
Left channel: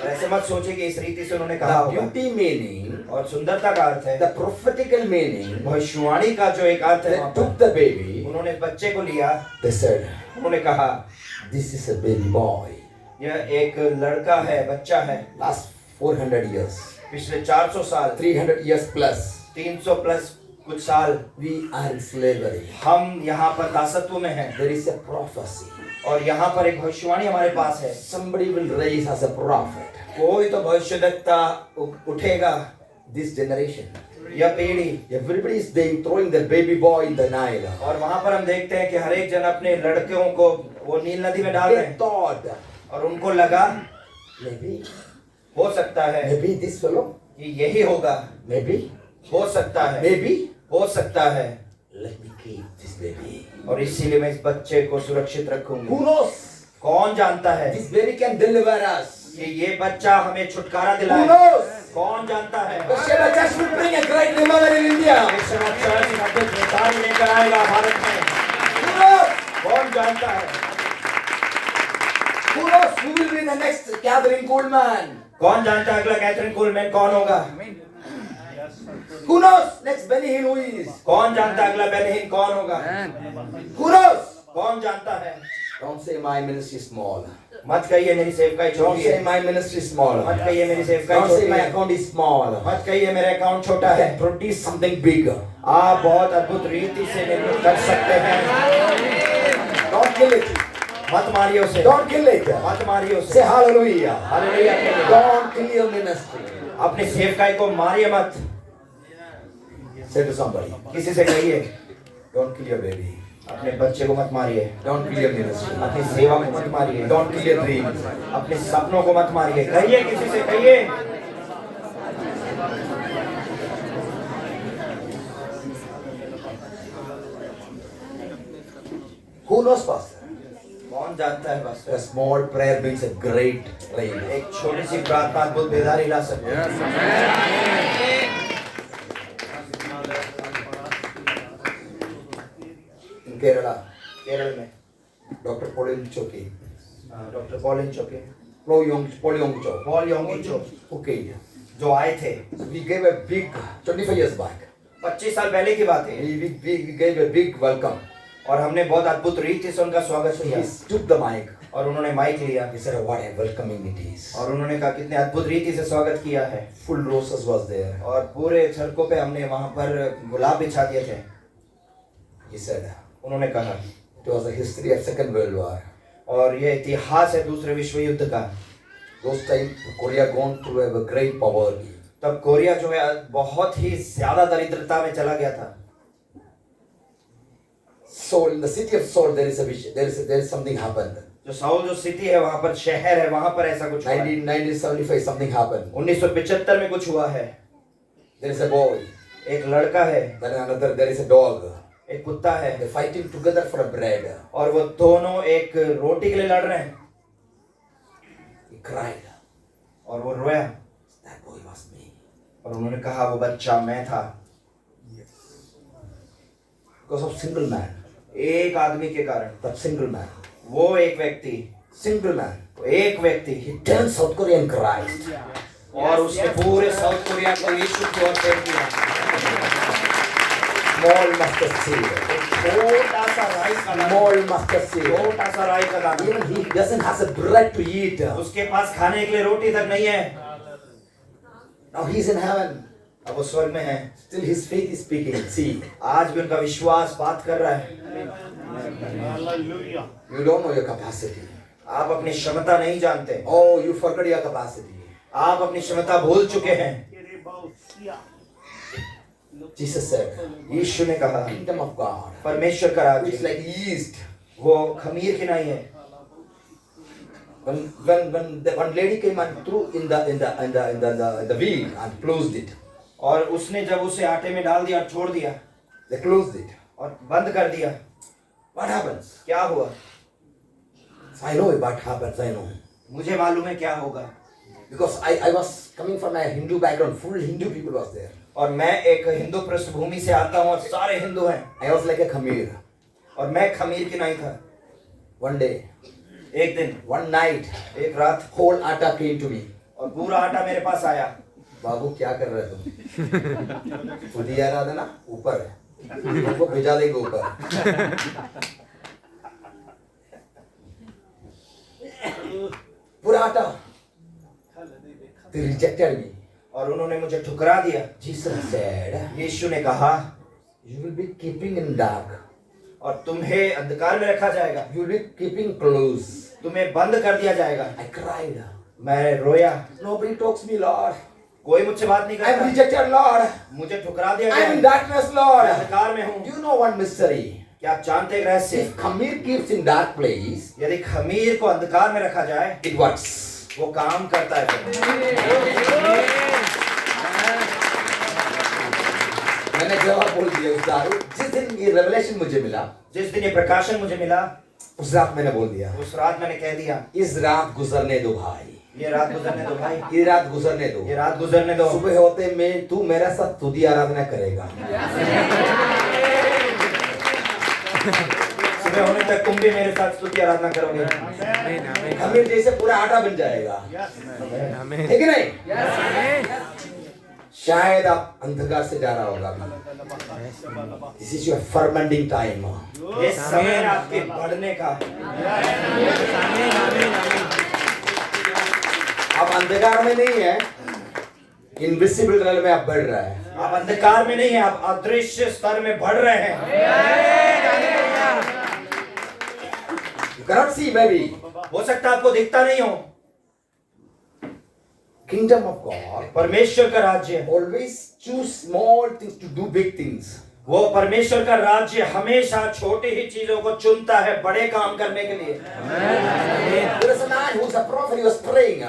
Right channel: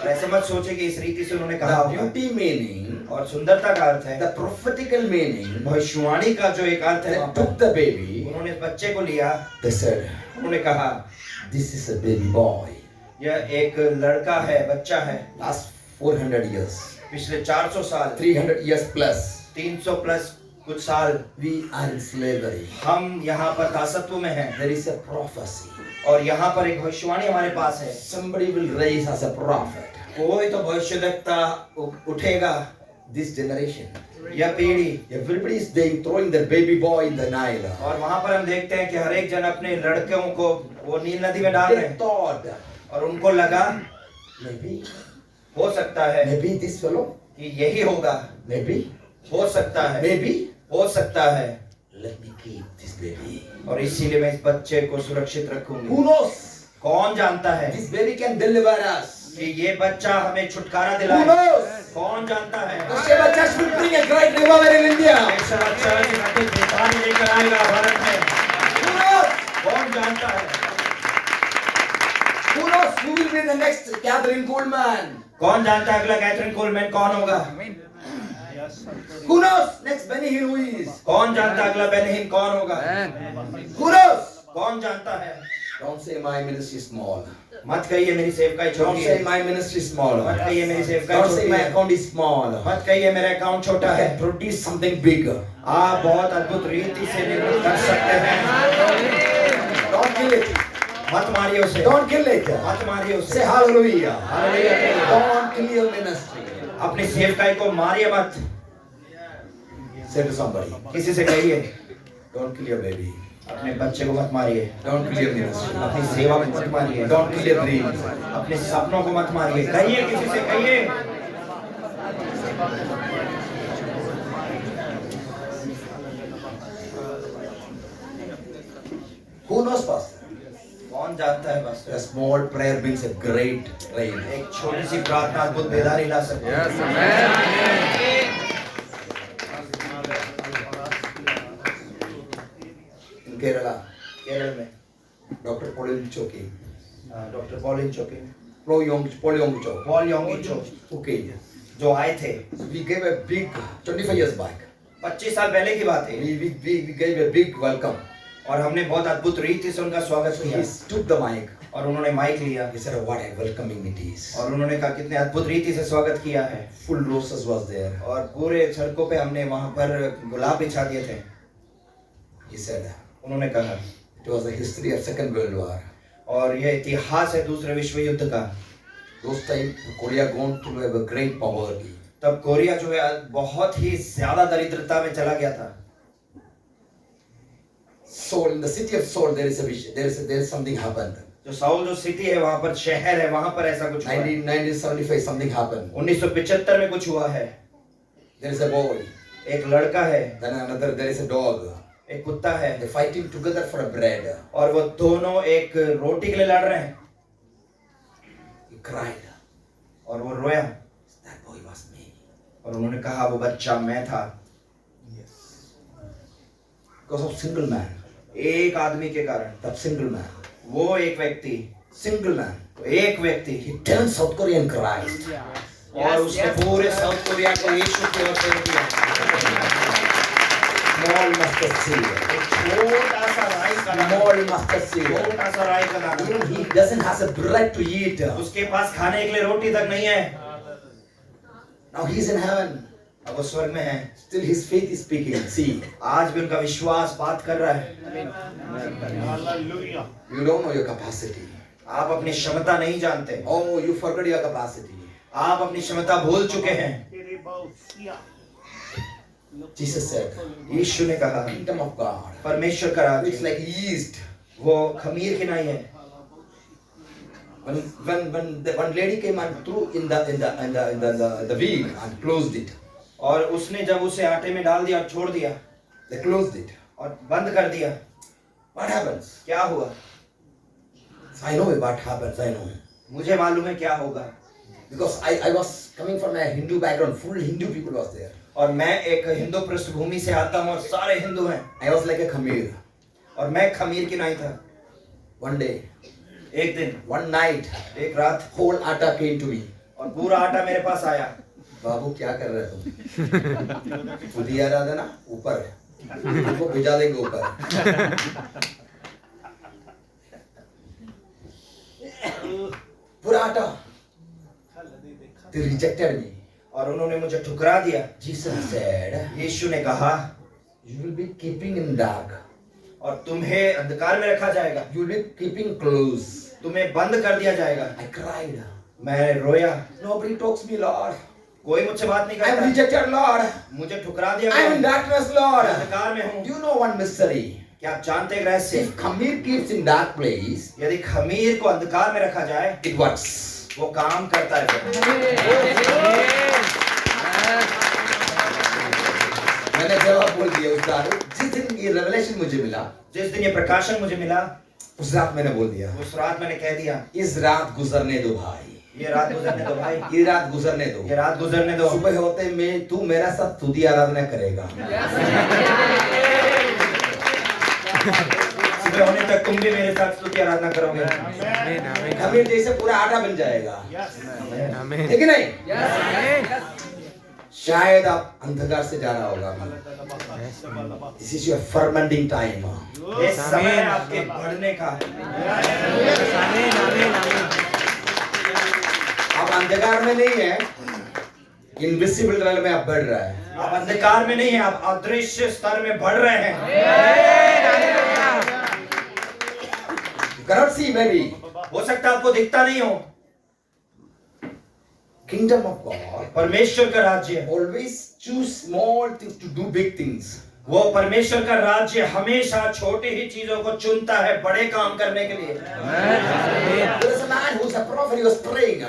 ऐसे मत सोचे कि इस रीति से उन्होंने कहा The होगा। beauty meaning, और सुंदरता का अर्थ है, the prophetical meaning, भविष्यवाणी का जो एक अर्थ है, they वहाँ took पर the baby, उन्होंने बच्चे को लिया, they said, उन्होंने कहा this is a baby boy. यह एक लड़का है, बच्चा है। Last 400 years, पिछले 400 साल, 300 years plus, 300 प्लस कुछ साल we are in slavery. हम यहाँ पर दासत्व में हैं There is a prophecy. और यहाँ पर एक भविष्यवाणी हमारे पास है। Somebody will raise as a prophet. कोई तो भविष्यद्वक्ता उठेगा। This generation, यह पीढ़ी, everybody is they throwing their baby boy in the Nile. और वहाँ पर हम देखते हैं कि हर एक जन अपने लड़कों को वो नील नदी में डाल रहे They हैं thought, और उनको लगा maybe, हो सकता है maybe this fellow, कि यही होगा, maybe, हो सकता है, maybe, हो सकता है, let me keep this baby. और इसीलिए मैं इस बच्चे को सुरक्षित रखूंगी। Who knows? कौन जानता है This baby can deliver us. कि ये बच्चा हमें छुटकारा Who दिलाए? knows? कौन जानता है? The church will bring a great revival in India. ऐसा बच्चा हिंदुस्तान लेकर आएगा भारत में। Who knows? कौन जानता है? Who knows who will be the next Catherine Coleman? कौन जानता है अगला कैथरीन कोलमैन कौन होगा? Who knows next Benny Hinn who is? कौन जानता है अगला बेनहीन कौन होगा? Who knows? कौन जानता है? Don't say my ministry is small. मत कहिए मेरी सेवकाई Don't छोटी say है। my ministry is small. मत कहिए मेरी सेवकाई Don't say छोटी my है। account is small. मत कहिए मेरा अकाउंट छोटा I है। can produce something bigger. आप बहुत अद्भुत रीति से निर्मित कर सकते हैं। Don't kill it. मत मारिए उसे। Don't kill it. मत मारिए उसे। Say hallelujah. Hallelujah. Don't kill your ministry. अपनी सेवकाई को मारिए मत। Say to somebody, किसी से कहिए don't kill your baby. अपने बच्चे को मत मारिए, Don't kill your ministry. अपनी सेवा को मत मारिए, Don't kill your dreams. अपने सपनों को मत मारिए। कहिए, किसी से कहिए। Who knows, Pastor? कौन जानता है बस A small prayer brings a great rain. एक छोटी सी प्रार्थना अद्भुत बेदारी ला सकती है। In Kerala, केरल में Dr. Pauline Choki, doctor Pauline Choki, Paul Yongcho, Paul Yongcho who came. जो आए थे We gave a big, 25 years back, 25 साल पहले की बात है, we gave a big welcome. और हमने बहुत अद्भुत रीति से उनका स्वागत So किया he took the mic. और उन्होंने माइक लिया He said, what a welcoming it is. और उन्होंने कहा कितने अद्भुत रीति से स्वागत किया है। Full roses was there. और पूरे सड़कों पे हमने वहां पर गुलाब बिछा दिए थे। He said, उन्होंने कहा it was the history of Second World War. और ये इतिहास है दूसरे विश्व युद्ध का। Those time Korea gone through a great poverty. तब कोरिया जो है बहुत ही ज्यादा दरिद्रता में चला गया था। Seoul, in the city of Seoul, there is something happened. जो साउल जो सिटी है वहां पर शहर है, वहां पर ऐसा कुछ हुआ है। 1975 something happened. 1975 में कुछ हुआ है। There is a boy. एक लड़का है, Then another, there is a dog. एक कुत्ता है, They're fighting together for a bread. और वो दोनों एक रोटी के लिए लड़ रहे हैं। He cried. और वो रोया That boy was me. और उन्होंने कहा वो बच्चा मैं था। Because of single man. एक आदमी के कारण, That single man. वो एक व्यक्ति, Single man. एक व्यक्ति, He turned South Korea in Christ. और उसने पूरे साउथ कोरिया को यीशु की ओर फेर दिया। Small mustard seed. एक छोटा सा राई का दाना, Small mustard seed. छोटा सा राई का दाना। Even he doesn't have the bread to eat. उसके पास खाने के लिए रोटी तक नहीं है। Now he's in heaven. अब वो स्वर्ग में है। Still his faith is speaking. See, आज भी उनका विश्वास बात कर रहा है। you don't know your capacity. आप अपनी क्षमता नहीं जानते। Oh, you forgot your capacity. आप अपनी क्षमता भूल चुके हैं। Jesus said, यीशु ने कहा kingdom of God. परमेश्वर का It's राज्य like yeast. वो खमीर की नहीं है। When the one lady came and threw in the wheel and closed it. और उसने जब उसे आटे में डाल दिया और छोड़ दिया They closed it. और बंद कर दिया, What happens? क्या हुआ? I know what happens. I know. मुझे मालूम है क्या होगा। Because I was coming from a Hindu background. Full Hindu people was there. और मैं एक हिंदू पृष्ठभूमि से आता हूँ और सारे हिंदू हैं। I was like a khamir. और मैं खमीर की नहीं था। One day, एक दिन, one night, एक रात, whole atta came to me. और पूरा आटा मेरे पास आया। बाबू क्या कर रहे तुम? खुद ही आ रहा था ना ऊपर, तुमको भिजा देंगे ऊपर। पूरा आटा। They rejected me. और उन्होंने मुझे ठुकरा दिया। Jesus said, यीशु ने कहा you will be keeping in dark. और तुम्हें अंधकार में रखा जाएगा, You will be keeping close. तुम्हें बंद कर दिया जाएगा। I cried. मैं रोया। Nobody talks me, Lord. कोई मुझसे बात नहीं I am करता। rejected, Lord. मुझे ठुकरा दिया I am in गया। darkness, Lord. मैं अंधकार में हूँ। Do you know one mystery? क्या आप जानते हैं रहस्य? If khamir keeps in dark place, यदि खमीर को अंधकार में रखा जाए, it works. वो काम करता है। मैंने जवाब बोल दिया उस दारू। जिस दिन ये रेवलेशन मुझे मिला, जिस दिन ये प्रकाशन मुझे मिला, उस रात मैंने बोल दिया, उस रात मैंने कह दिया, इस रात गुजरने दो भाई, ये रात गुजरने दो भाई, ये रात गुजरने दो। ये रात गुजरने दो। सुबह होते में तू मेरा साथ स्तुति आराधना करेगा। सुबह होने तक तुम भी मेरे साथ स्तुति आराधना करोगे। आमीन, आमीन, खमीर जैसे पूरा आटा बन जाएगा, आमीन। ठीक है नहीं? शायद आप अंधकार से जा रहा होगा अभी। This is your fermenting time. ये समय है आपके बढ़ने का। आमीन, आमीन, आमीन। आप अंधकार में नहीं है, इनविजिबल रेल में आप बढ़ रहा है। आप अंधकार में नहीं है, आप अदृश्य स्तर में बढ़ रहे हैं। You cannot see maybe. हो सकता है आपको दिखता नहीं हो। Kingdom of God परमेश्वर का राज्य, always choose small things to do big things. वो परमेश्वर का राज्य हमेशा छोटी ही चीजों को चुनता है बड़े काम करने के लिए। There is a man who's a prophet, he was praying.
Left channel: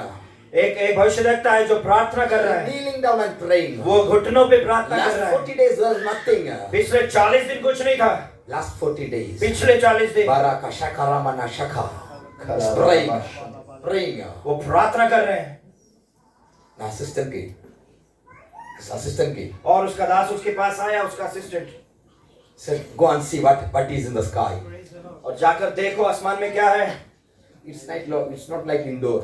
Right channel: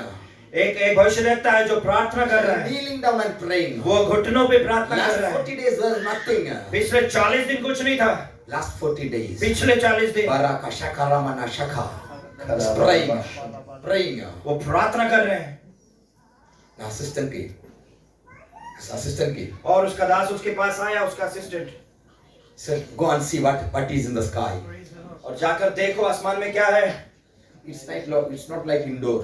एक भविष्यद्वक्ता है जो प्रार्थना कर रहा है, Kneeling down and praying. वो घुटनों पे प्रार्थना कर Last रहा है। 40 days there was nothing. पिछले 40 दिन कुछ नहीं था, Last 40 days. पिछले 40 दिन Baraka shaka ramana shaka. He's praying. Praying. वो प्रार्थना कर रहे हैं। Assistant की. Assistant की. और उसका दास उसके पास आया, उसका assistant, Said, go and see what is in the sky. और जाकर देखो आसमान में क्या है। It's not like indoor.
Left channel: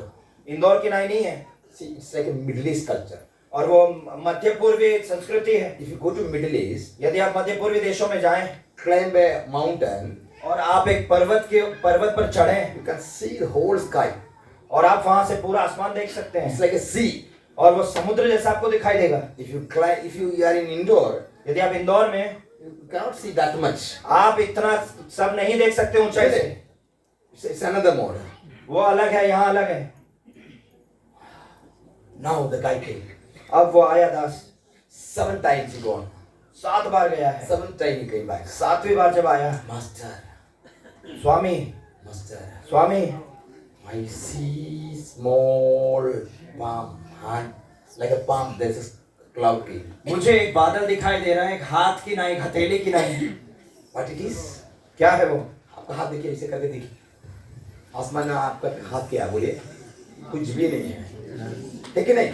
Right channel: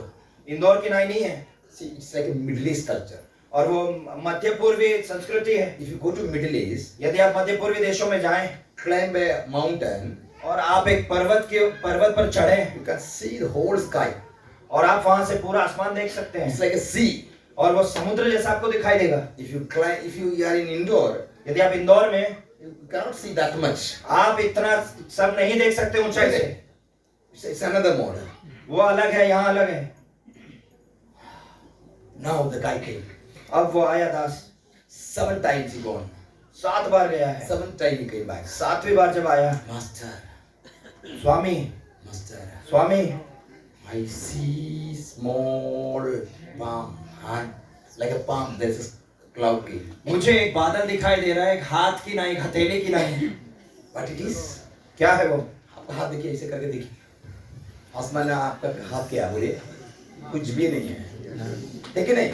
Indore की नहीं है, See, it's like a Middle East culture. और वो मध्य पूर्वी संस्कृति है। If you go to Middle East, यदि आप मध्य पूर्वी देशों में जाएं climb a mountain, और आप एक पर्वत पर चढ़ें you can see the whole sky. और आप वहां से पूरा आसमान देख सकते It's हैं, like a sea. और वो समुद्र जैसा आपको दिखाई देगा। If you are in indoor, यदि आप इंदौर में, you cannot see that much. आप इतना सब नहीं देख सकते ऊंचाई से। It's another mode. वो अलग है, यहाँ अलग है। Now the guy came. अब वो आया दास, 7 times he gone. 7 बार गया है। 7th time he came back. 7वीं बार जब आया, Master, Swami Master, Swami, I see small palm hand, like a palm. There's a cloud came. मुझे एक बादल दिखाई दे रहा है, एक हाथ की ना, एक हथेली की नहीं। What it is? क्या है वो? आपका हाथ देखिए, ऐसे करके देखिए। आसमान में आपका हाथ क्या है बोलिए? कुछ भी नहीं है, है कि नहीं?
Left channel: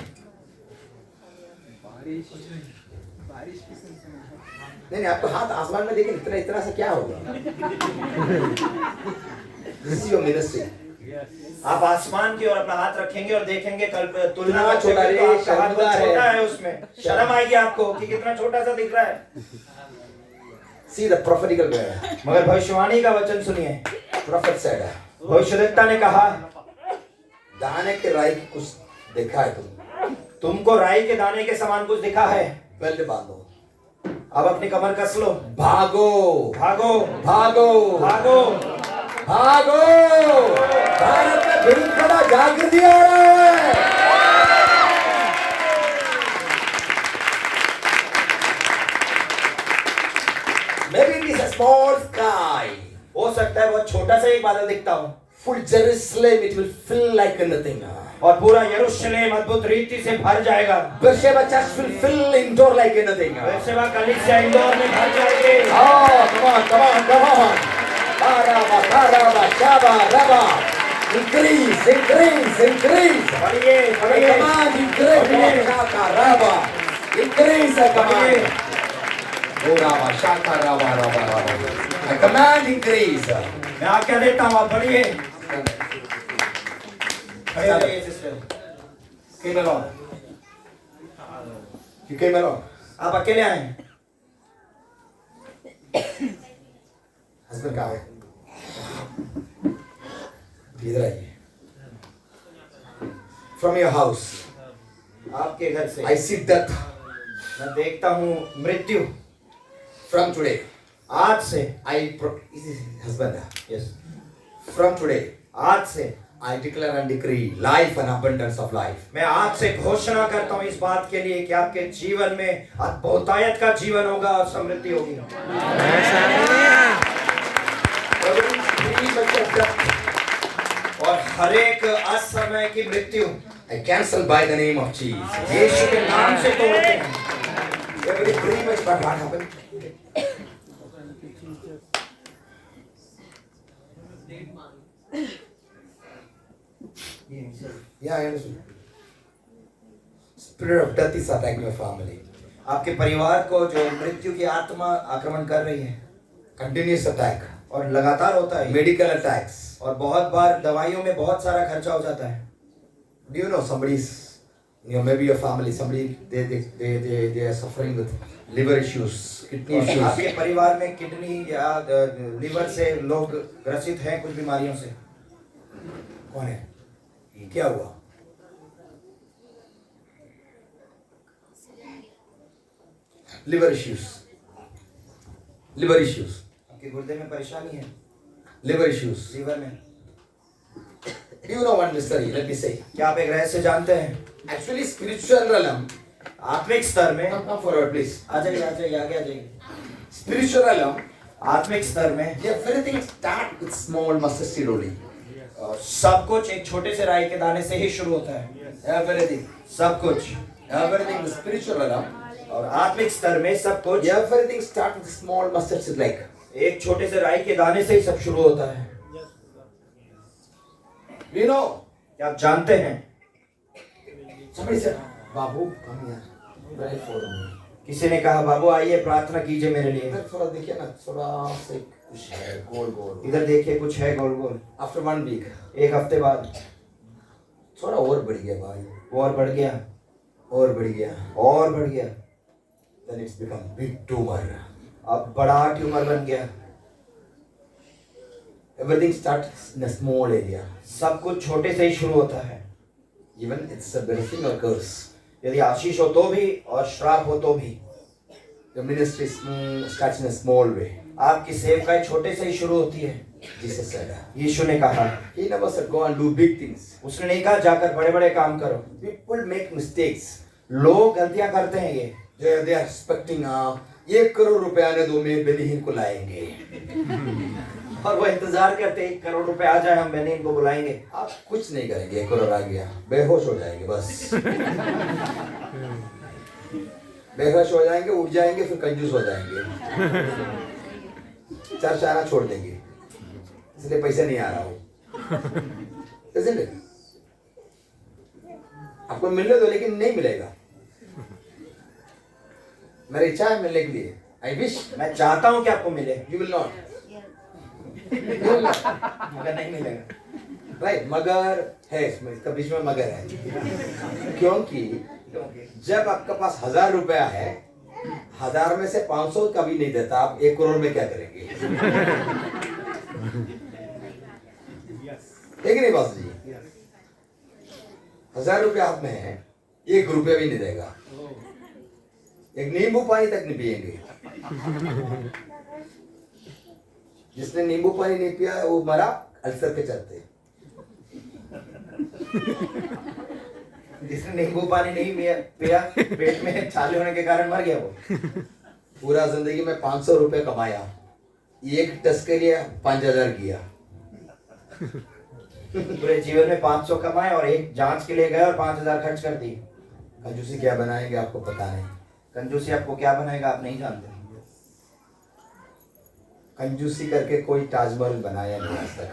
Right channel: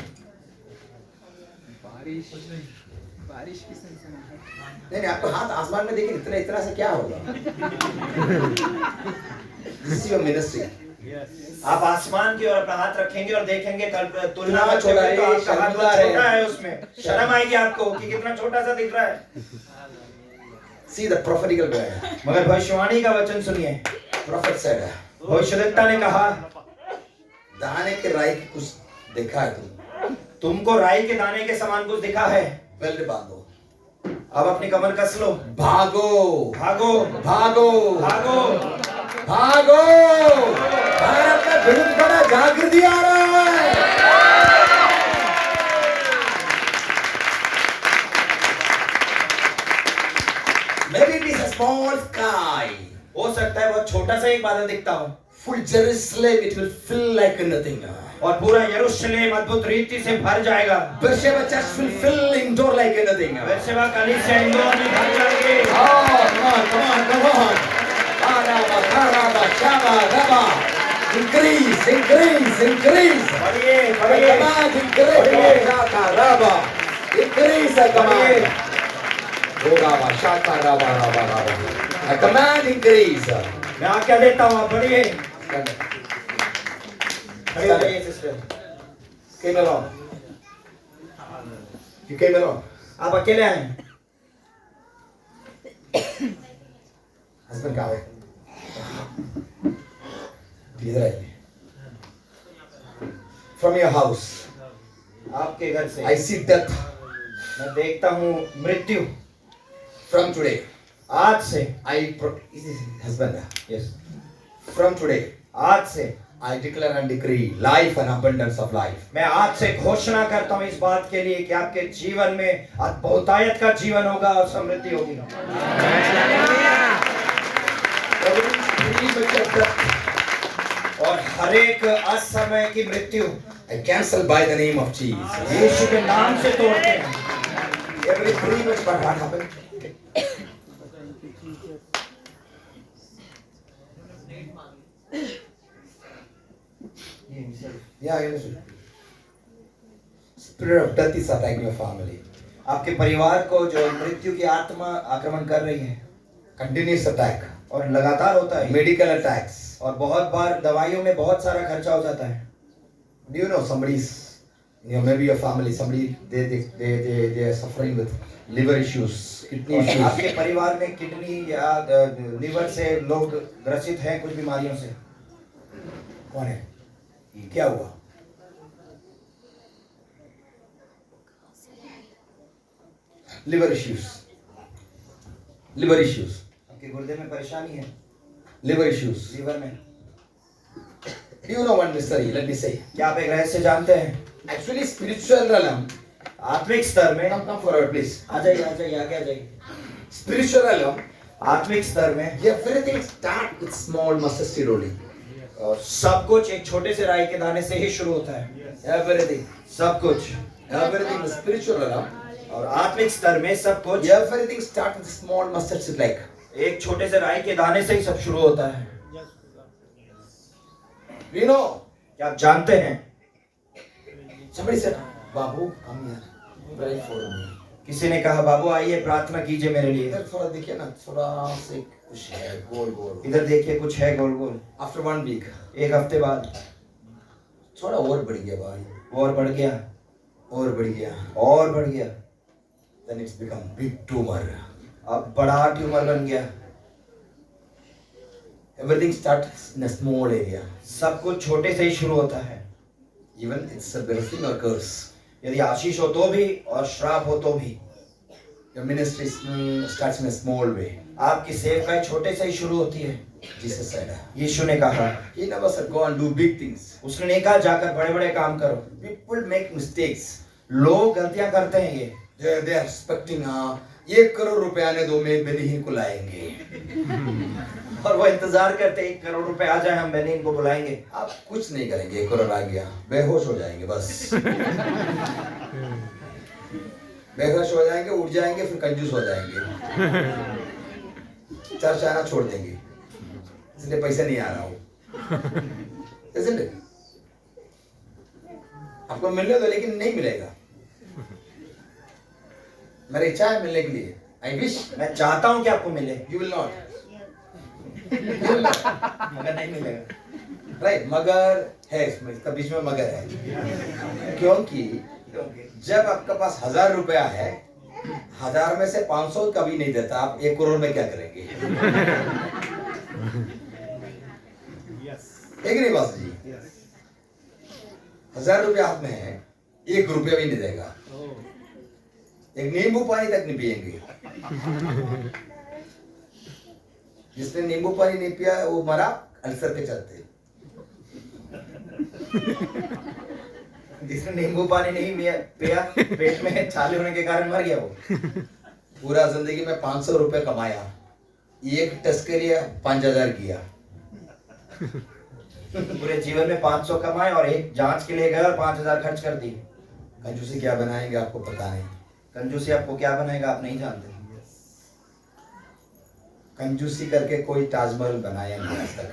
नहीं, आपका हाथ आसमान में देखिए, इतना इतना से क्या होगा? This is your ministry. आप आसमान की ओर अपना हाथ रखेंगे और देखेंगे, कल तुलना कितना में छोटा है, तो आपका हाथ बहुत शर्मिंदा छोटा है। है, उसमें शर्म आएगी आपको कि कितना छोटा सा दिख रहा है। See the prophetical word. मगर भविष्यवाणी का वचन सुनिए। Prophet said, भविष्यद्वक्ता ने कहा, दाने के राई की कुछ देखा है तुमको राई के दाने के समान कुछ दिखा है, बेल्ट बांधो, अब अपनी कमर कस लो, भागो भागो भागो भागो। भागो। भारत में बहुत बड़ा जागृति आ रहा है। Maybe it is a small sky. हो सकता है बहुत छोटा सा एक बादल दिखता हो, Full Jerusalem, it will fill like nothing. और पूरा यरूशलेम अद्भुत रीति से भर जाएगा। Beersheba church will fill indoor like anything. Beersheba कलीसिया इंदौर में भर जाएगी। Oh, come on. Araba, karaba, shaba, raba. Increase. बढ़िए बढ़िए Command, increase. Shaka, raba. Increase the command. Oh, raba, shaka, raba. A command increase. मैं आज्ञा देता हूँ, आप बढ़िए। खड़े हो जाइए sister. Came along. You came along. आप अकेले आए? Husband कहाँ है? इधर है। From your house, आपके घर से I see death. मैं देखता हूँ मृत्यु। From today, आज से, this is husband. Yes, From today, आज से I declare and decree life and abundance of life. मैं आज से घोषणा करता हूँ इस बात के लिए कि आपके जीवन में बहुतायत का जीवन होगा और समृद्धि होगी। Every such a death, और हर एक असमय की मृत्यु I cancel by the name of Jesus. यीशु के नाम से तोड़ते हैं। Every premature, what happened? Yeah, I understand. Spirit of death is attacking your family. आपके परिवार को जो मृत्यु की आत्मा आक्रमण कर रही है, Continuous attack. और लगातार होता है, Medical attacks. और बहुत बार दवाइयों में बहुत सारा खर्चा हो जाता है। Do you know somebody's, maybe your family, somebody they are suffering with liver issues, kidney और issues. आपके परिवार में किडनी या लीवर से लोग ग्रसित हैं कुछ बीमारियों से। कौन है? क्या हुआ? Liver issues. Liver issues. आपके गुर्दे में परेशानी है, Liver issues. लीवर में। Do you know one mystery? Let me say. क्या आप एक रहस्य जानते हैं? Actually, spiritual realm. आत्मिक स्तर में Come forward, please. आ जाइए आगे आ जाइए। Spiritual realm. आत्मिक स्तर में Everything start with small mustard seed only. और सब कुछ एक छोटे से राई के दाने से ही शुरू होता है। Everything. सब कुछ Everything is spiritual realm. और आत्मिक स्तर में सब कुछ Everything start with small mustard seed like. एक छोटे से राई के दाने से ही सब शुरू होता है। You know. क्या आप जानते हैं? Somebody said, Babu, come here. Pray for me. किसी ने कहा बाबू आइए प्रार्थना कीजिए मेरे लिए। इधर थोड़ा देखिए ना, थोड़ा से कुछ है गोल गोल। इधर देखिए कुछ है गोल गोल। After 1 week, एक हफ्ते बाद थोड़ा और बढ़ गया भाई, और बढ़ गया और बढ़ गया, और बढ़ गया। then it's become big tumor. अब बड़ा ट्यूमर बन गया। Everything starts in a small area. सब कुछ छोटे से ही शुरू होता है। Even it's a blessing or curse. यदि आशीष हो तो भी और श्राप हो तो भी। Your ministry starts in a small way. आपकी सेवकाई छोटे से ही शुरू होती है। Jesus said. यीशु ने कहा, He never said go and do big things. उसने नहीं कहा जाकर बड़े बड़े काम करो। People make mistakes. लोग गलतियां करते हैं ये। They are expecting 1 करोड़ रुपए आने दो, मैं बेनिहीन को लाएंगे। और वो इंतजार करते 1 करोड़ रुपए आ जाए हम बेनिहीन को बुलाएंगे। आप कुछ नहीं करेंगे, 1 करोड़ आ गया, बेहोश हो जाएंगे बस। बेहोश हो जाएंगे, उठ जाएंगे, फिर कंजूस हो जाएंगे, चर्च आना छोड़ देंगे, इसलिए पैसा नहीं आ रहा हो। Isn't it? आपको मिलने दो लेकिन नहीं मिलेगा। मेरी इच्छा है मिलने के लिए। I wish. मैं चाहता हूं कि आपको मिले। You will not. मगर नहीं मिलेगा। Right, मगर है इसमें, इसका बीच में मगर है। क्योंकि जब आपके पास 1000 रुपया है, 1000 में से 500 कभी नहीं देता, आप 1 करोड़ में क्या करेंगे? एक नहीं बात जी, 1000 रुपया हाथ में है, 1 रुपया भी नहीं देगा, एक नींबू पानी तक नहीं पिएंगे। जिसने नींबू पानी नहीं पिया वो मरा अल्सर के चलते। जिसने नींबू पानी नहीं पिया पेट में छाले होने के कारण मर गया वो। पूरा जिंदगी में 500 रुपए कमाया, एक टेस्ट के लिए 5000 किया। पूरे जीवन में 500 कमाए और एक जांच के लिए गए और 5000 खर्च कर दिए। कंजूसी क्या बनाएंगे आपको पता नहीं। कंजूसी आपको क्या बनाएगा आप नहीं जानते। कंजूसी करके कोई ताजमहल बनाया नहीं आज तक।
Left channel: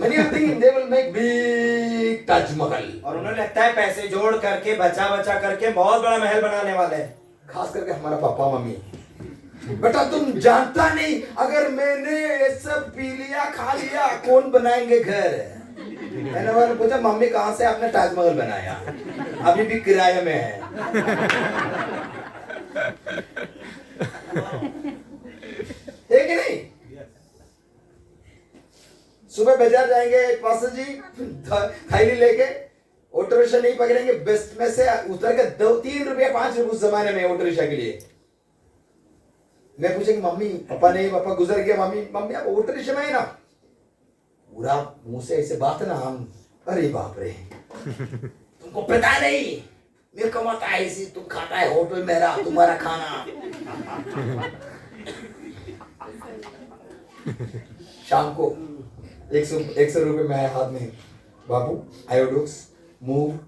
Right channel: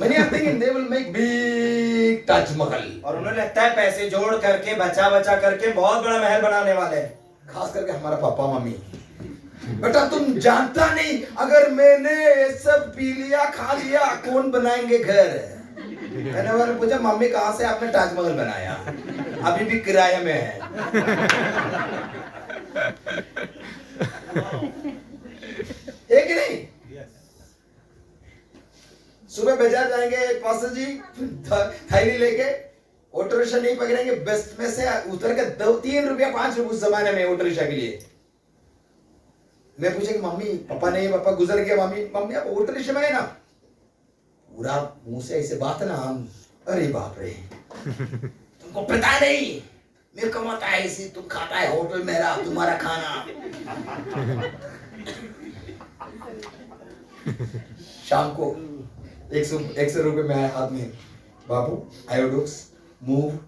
Many are thinking they will make big Taj Mahal. और उन्हें लगता है पैसे जोड़ करके बचा बचा करके बहुत बड़ा महल बनाने वाले हैं। खास करके हमारा पापा मम्मी। बेटा तुम जानता नहीं, अगर मैंने ये सब पी लिया खा लिया कौन बनाएंगे घर? मैंने पूछा मम्मी कहाँ से आपने ताजमहल बनाया? अभी भी किराए में है। है कि नहीं? सुबह बाजार जाएंगे पास्टर जी थैली लेके, ऑटो रिक्शा नहीं पकड़ेंगे, बेस्ट में से उतर के 2-3 रुपया 5 रुपये उस जमाने में ऑटो रिक्शा के लिए। मैं पूछेंगे मम्मी पापा नहीं, पापा गुजर गया, मम्मी आप ऑटो रिक्शा में है ना? पूरा मुंह से ऐसे बात है ना हम, अरे बाप रे तुमको पता नहीं मैं कमाता है ऐसे, तुम खाता है होटल मेरा तुम्हारा खाना। शाम को 100 रुपए मेरे हाथ में, बाबू आयोडोक्स मूव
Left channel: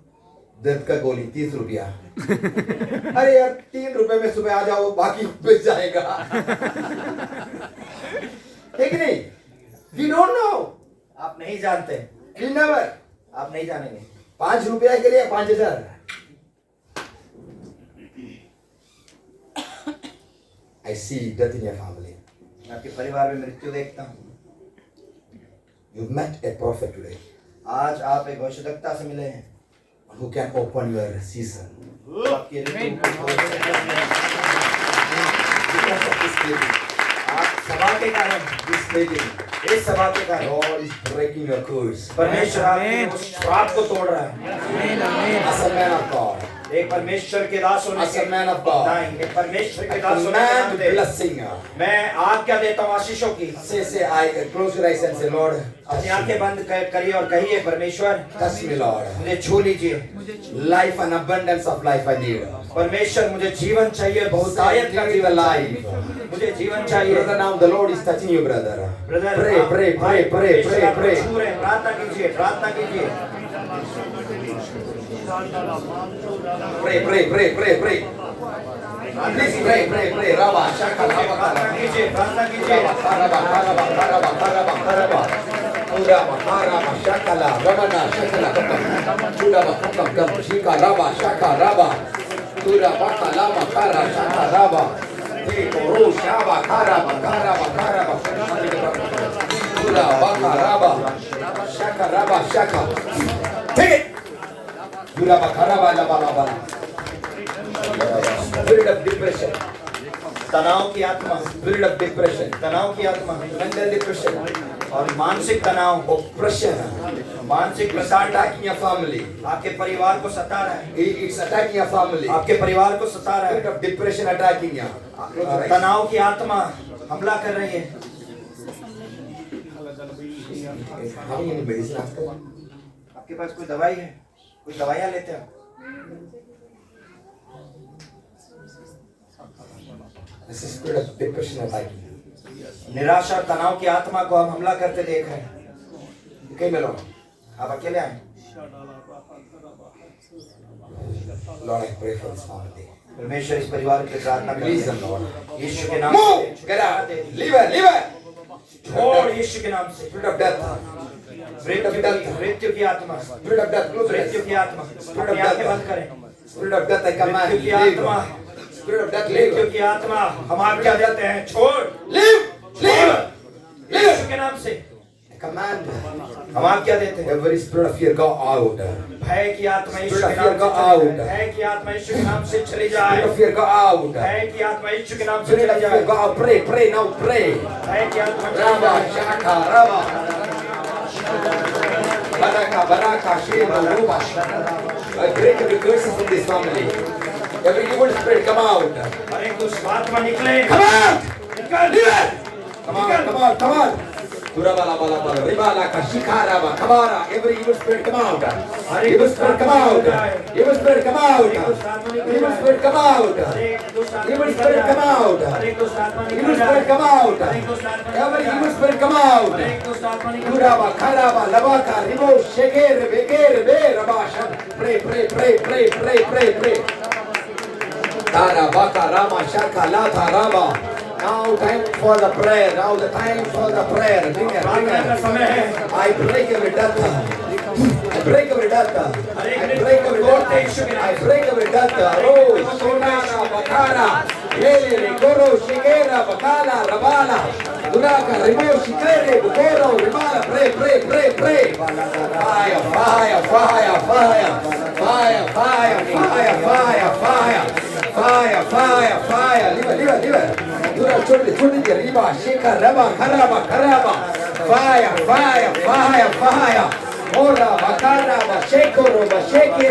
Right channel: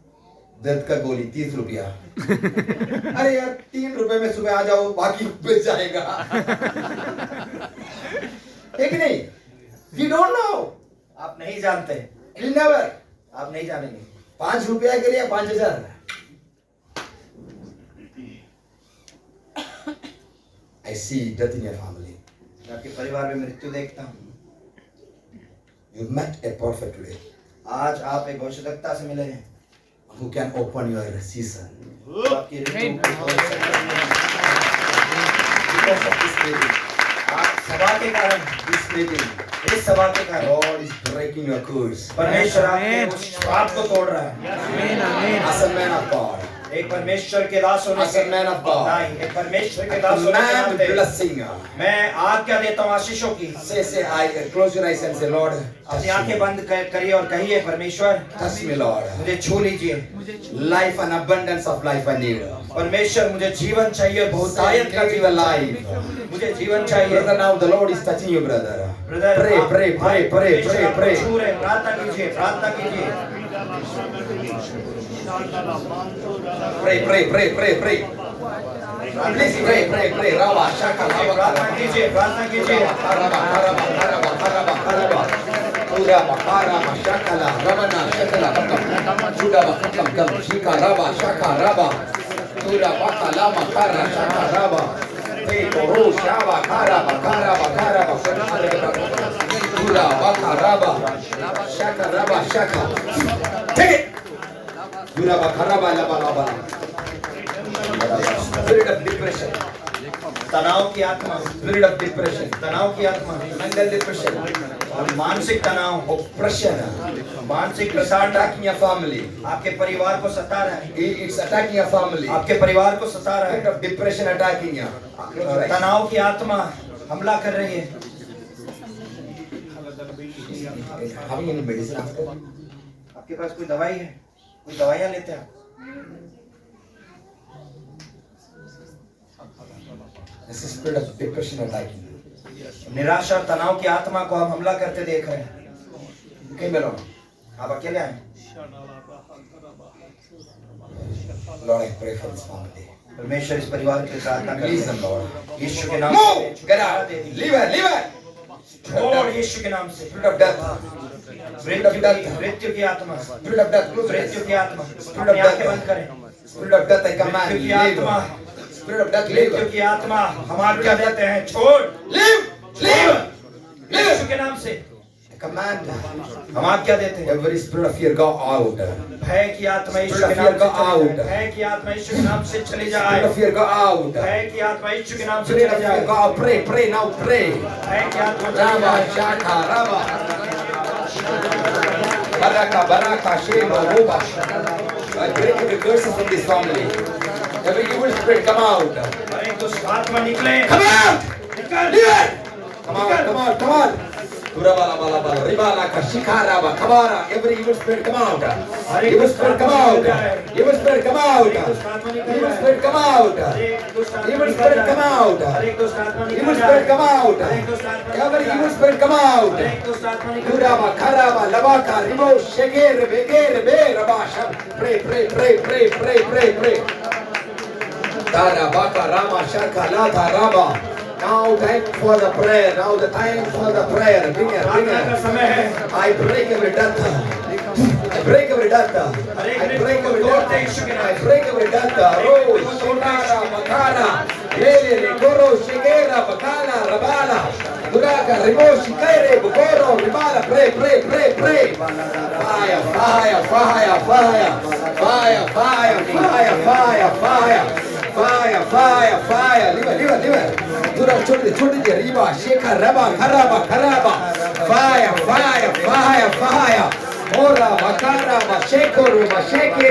दर्द का गोली 30 रुपया। अरे यार 3 रुपए में सुबह आ जाओ, बाकी बेच जाएगा। ठीक नहीं? We don't know. आप नहीं जानते। We never. आप नहीं जानेंगे। 5 रुपया के लिए 5000। I see death in your family. मैं आपके परिवार में मृत्यु देखता हूँ। You met a prophet today आज आप एक भविष्यवक्ता से मिले हैं who can open your season. आपकी ऋतु को Because of this meeting, आप सभा के कारण this meeting, इस सभा के कारण God is breaking your curse. परमेश्वर आमीन। आपके श्राप को तोड़ रहा है। आमीन आमीन As a man of God, एक परमेश्वर के दास होने as a man of God. नहीं, एक परमेश्वर के दास होने के Command नाते blessing. मैं आज्ञा देता हूँ आशीषों की। Say, I close your eyes and say, Lord, touch अपनी आंखें me. बंद करिए और कहिए परमेश्वर Touch me, Lord. मुझे छू लीजिए। Life and abundance of life I need. परमेश्वर मुझे जीवन चाहिए, बहुतायत का Give me the जीवन life. मुझे जीवन चाहिए। Brother, now the Lord is touching you, brother. Brother Pray, pray, pray, pray, pray, pray. छू रहे हैं, प्रार्थना कीजिए, प्रार्थना कीजिए। Pray, pray, pray, pray, pray. Please pray, pray, pray. Rama, Shaka, प्रार्थना कीजिए, प्रार्थना कीजिए। Karaba, Karaba, Karaba, Karaba, Karaba. Urama, Karama, Shakala, Ramana, Shakala, Kapa. Chulaba, Kapa, Kapa, Shika, Raba, Shaka, Raba. Tura, Baka, Lama, Kara, Shaka, Raba. Tiko, Ru, Shaba, Karaba, Karaba, Karaba. Tura, Baka, Raba. Shaka, Raba, Shaka. Take. Tura, Baka, Raba, Laba, Laba. Spirit of depression. तनाव की आत्मा, Spirit of depression. तनाव की आत्मा Mental depression. और मानसिक तनाव, Oppression. मानसिक It's प्रसार attacking your family. आपके परिवार को सता रहा है, It's attacking your family. आपके परिवार को सता रहा Spirit है। of depression attacking you. तनाव की आत्मा हमला कर रही है। Having any medicine after? आपके पास कोई दवाई है? कोई दवाइयाँ लेते हैं? This is spirit of depression attacking you. निराशा और तनाव की आत्मा को हम हमला करते देख रहे हैं। Came along. आप अकेले आए? Lord, I pray for this family. परमेश्वर इस परिवार की प्रार्थना Release करते them, हैं। Lord. यीशु के नाम Move! से Get out! Leave it! Leave it! छोड़ यीशु के नाम से। Spirit of death. मृत्यु की आत्मा, Spirit of death. Close your eyes. मृत्यु की आत्मा, अपनी आंखें बंद करें। Spirit of death, I command मृत्यु you. की Leave. आत्मा, Spirit of death, मृत्यु leave. की आत्मा, हम आज्ञा देते हैं, छोड़, Leave! Leave! यीशु के नाम से I command हम आज्ञा देते हैं। every spirit of fear go out. भय की आत्मा यीशु के Spirit of नाम fear go से चली out. जाए। भय की आत्मा यीशु के नाम से चली Spirit जाए। of fear go out. भय की आत्मा यीशु के नाम से Spirit of चली fear जाए। go out. Pray, pray now, pray. भय की आत्मा चली Rama, जाए। Shaka, Rama. Baraka, Baraka, Shema, Ruba. I break every curses in this family. Every evil spirit come out. और एक दुष्ट आत्मा निकले। Come out! Leave it! Come on, come on, come on. Turabala, bala, bala, ribala, kashikaraba, kamara. Every evil spirit come out. Evil spirit come out. Evil spirit come out. Evil spirit come out. Evil spirit come out. एक दुष्ट आत्मा निकल Evil जाए। spirit come out. एक दुष्ट आत्मा निकल Every जाए। evil spirit come out. एक दुष्ट आत्मा निकल जाए। Turaba, karaba, labaka, ribo, shekere, begere, be, rabasha. Pray, pray, pray, pray, pray, pray, pray. Tara, baka, rama, shaka, lata, rama. Now time for the prayer. Now the time for the prayer. Bring it, bring प्रार्थना का it. समय है। I break every death. I break every death. I break every death. I break every death. Oh, Sonara, Bakara, Lele, Goro, Shigera, Bakala, Rabala, Duraka, Rimo, Shikere, Bukoro, Rimala. Pray, pray, pray, pray. Fire, fire, fire, fire. Fire, fire, fire, fire, fire. Fire, fire, fire. Leave it, leave it. Dura, chudi, riba, shika, raba, karaba, karaba. Fire, fire, fire, fire. Mora, bakara, basheko, basheke.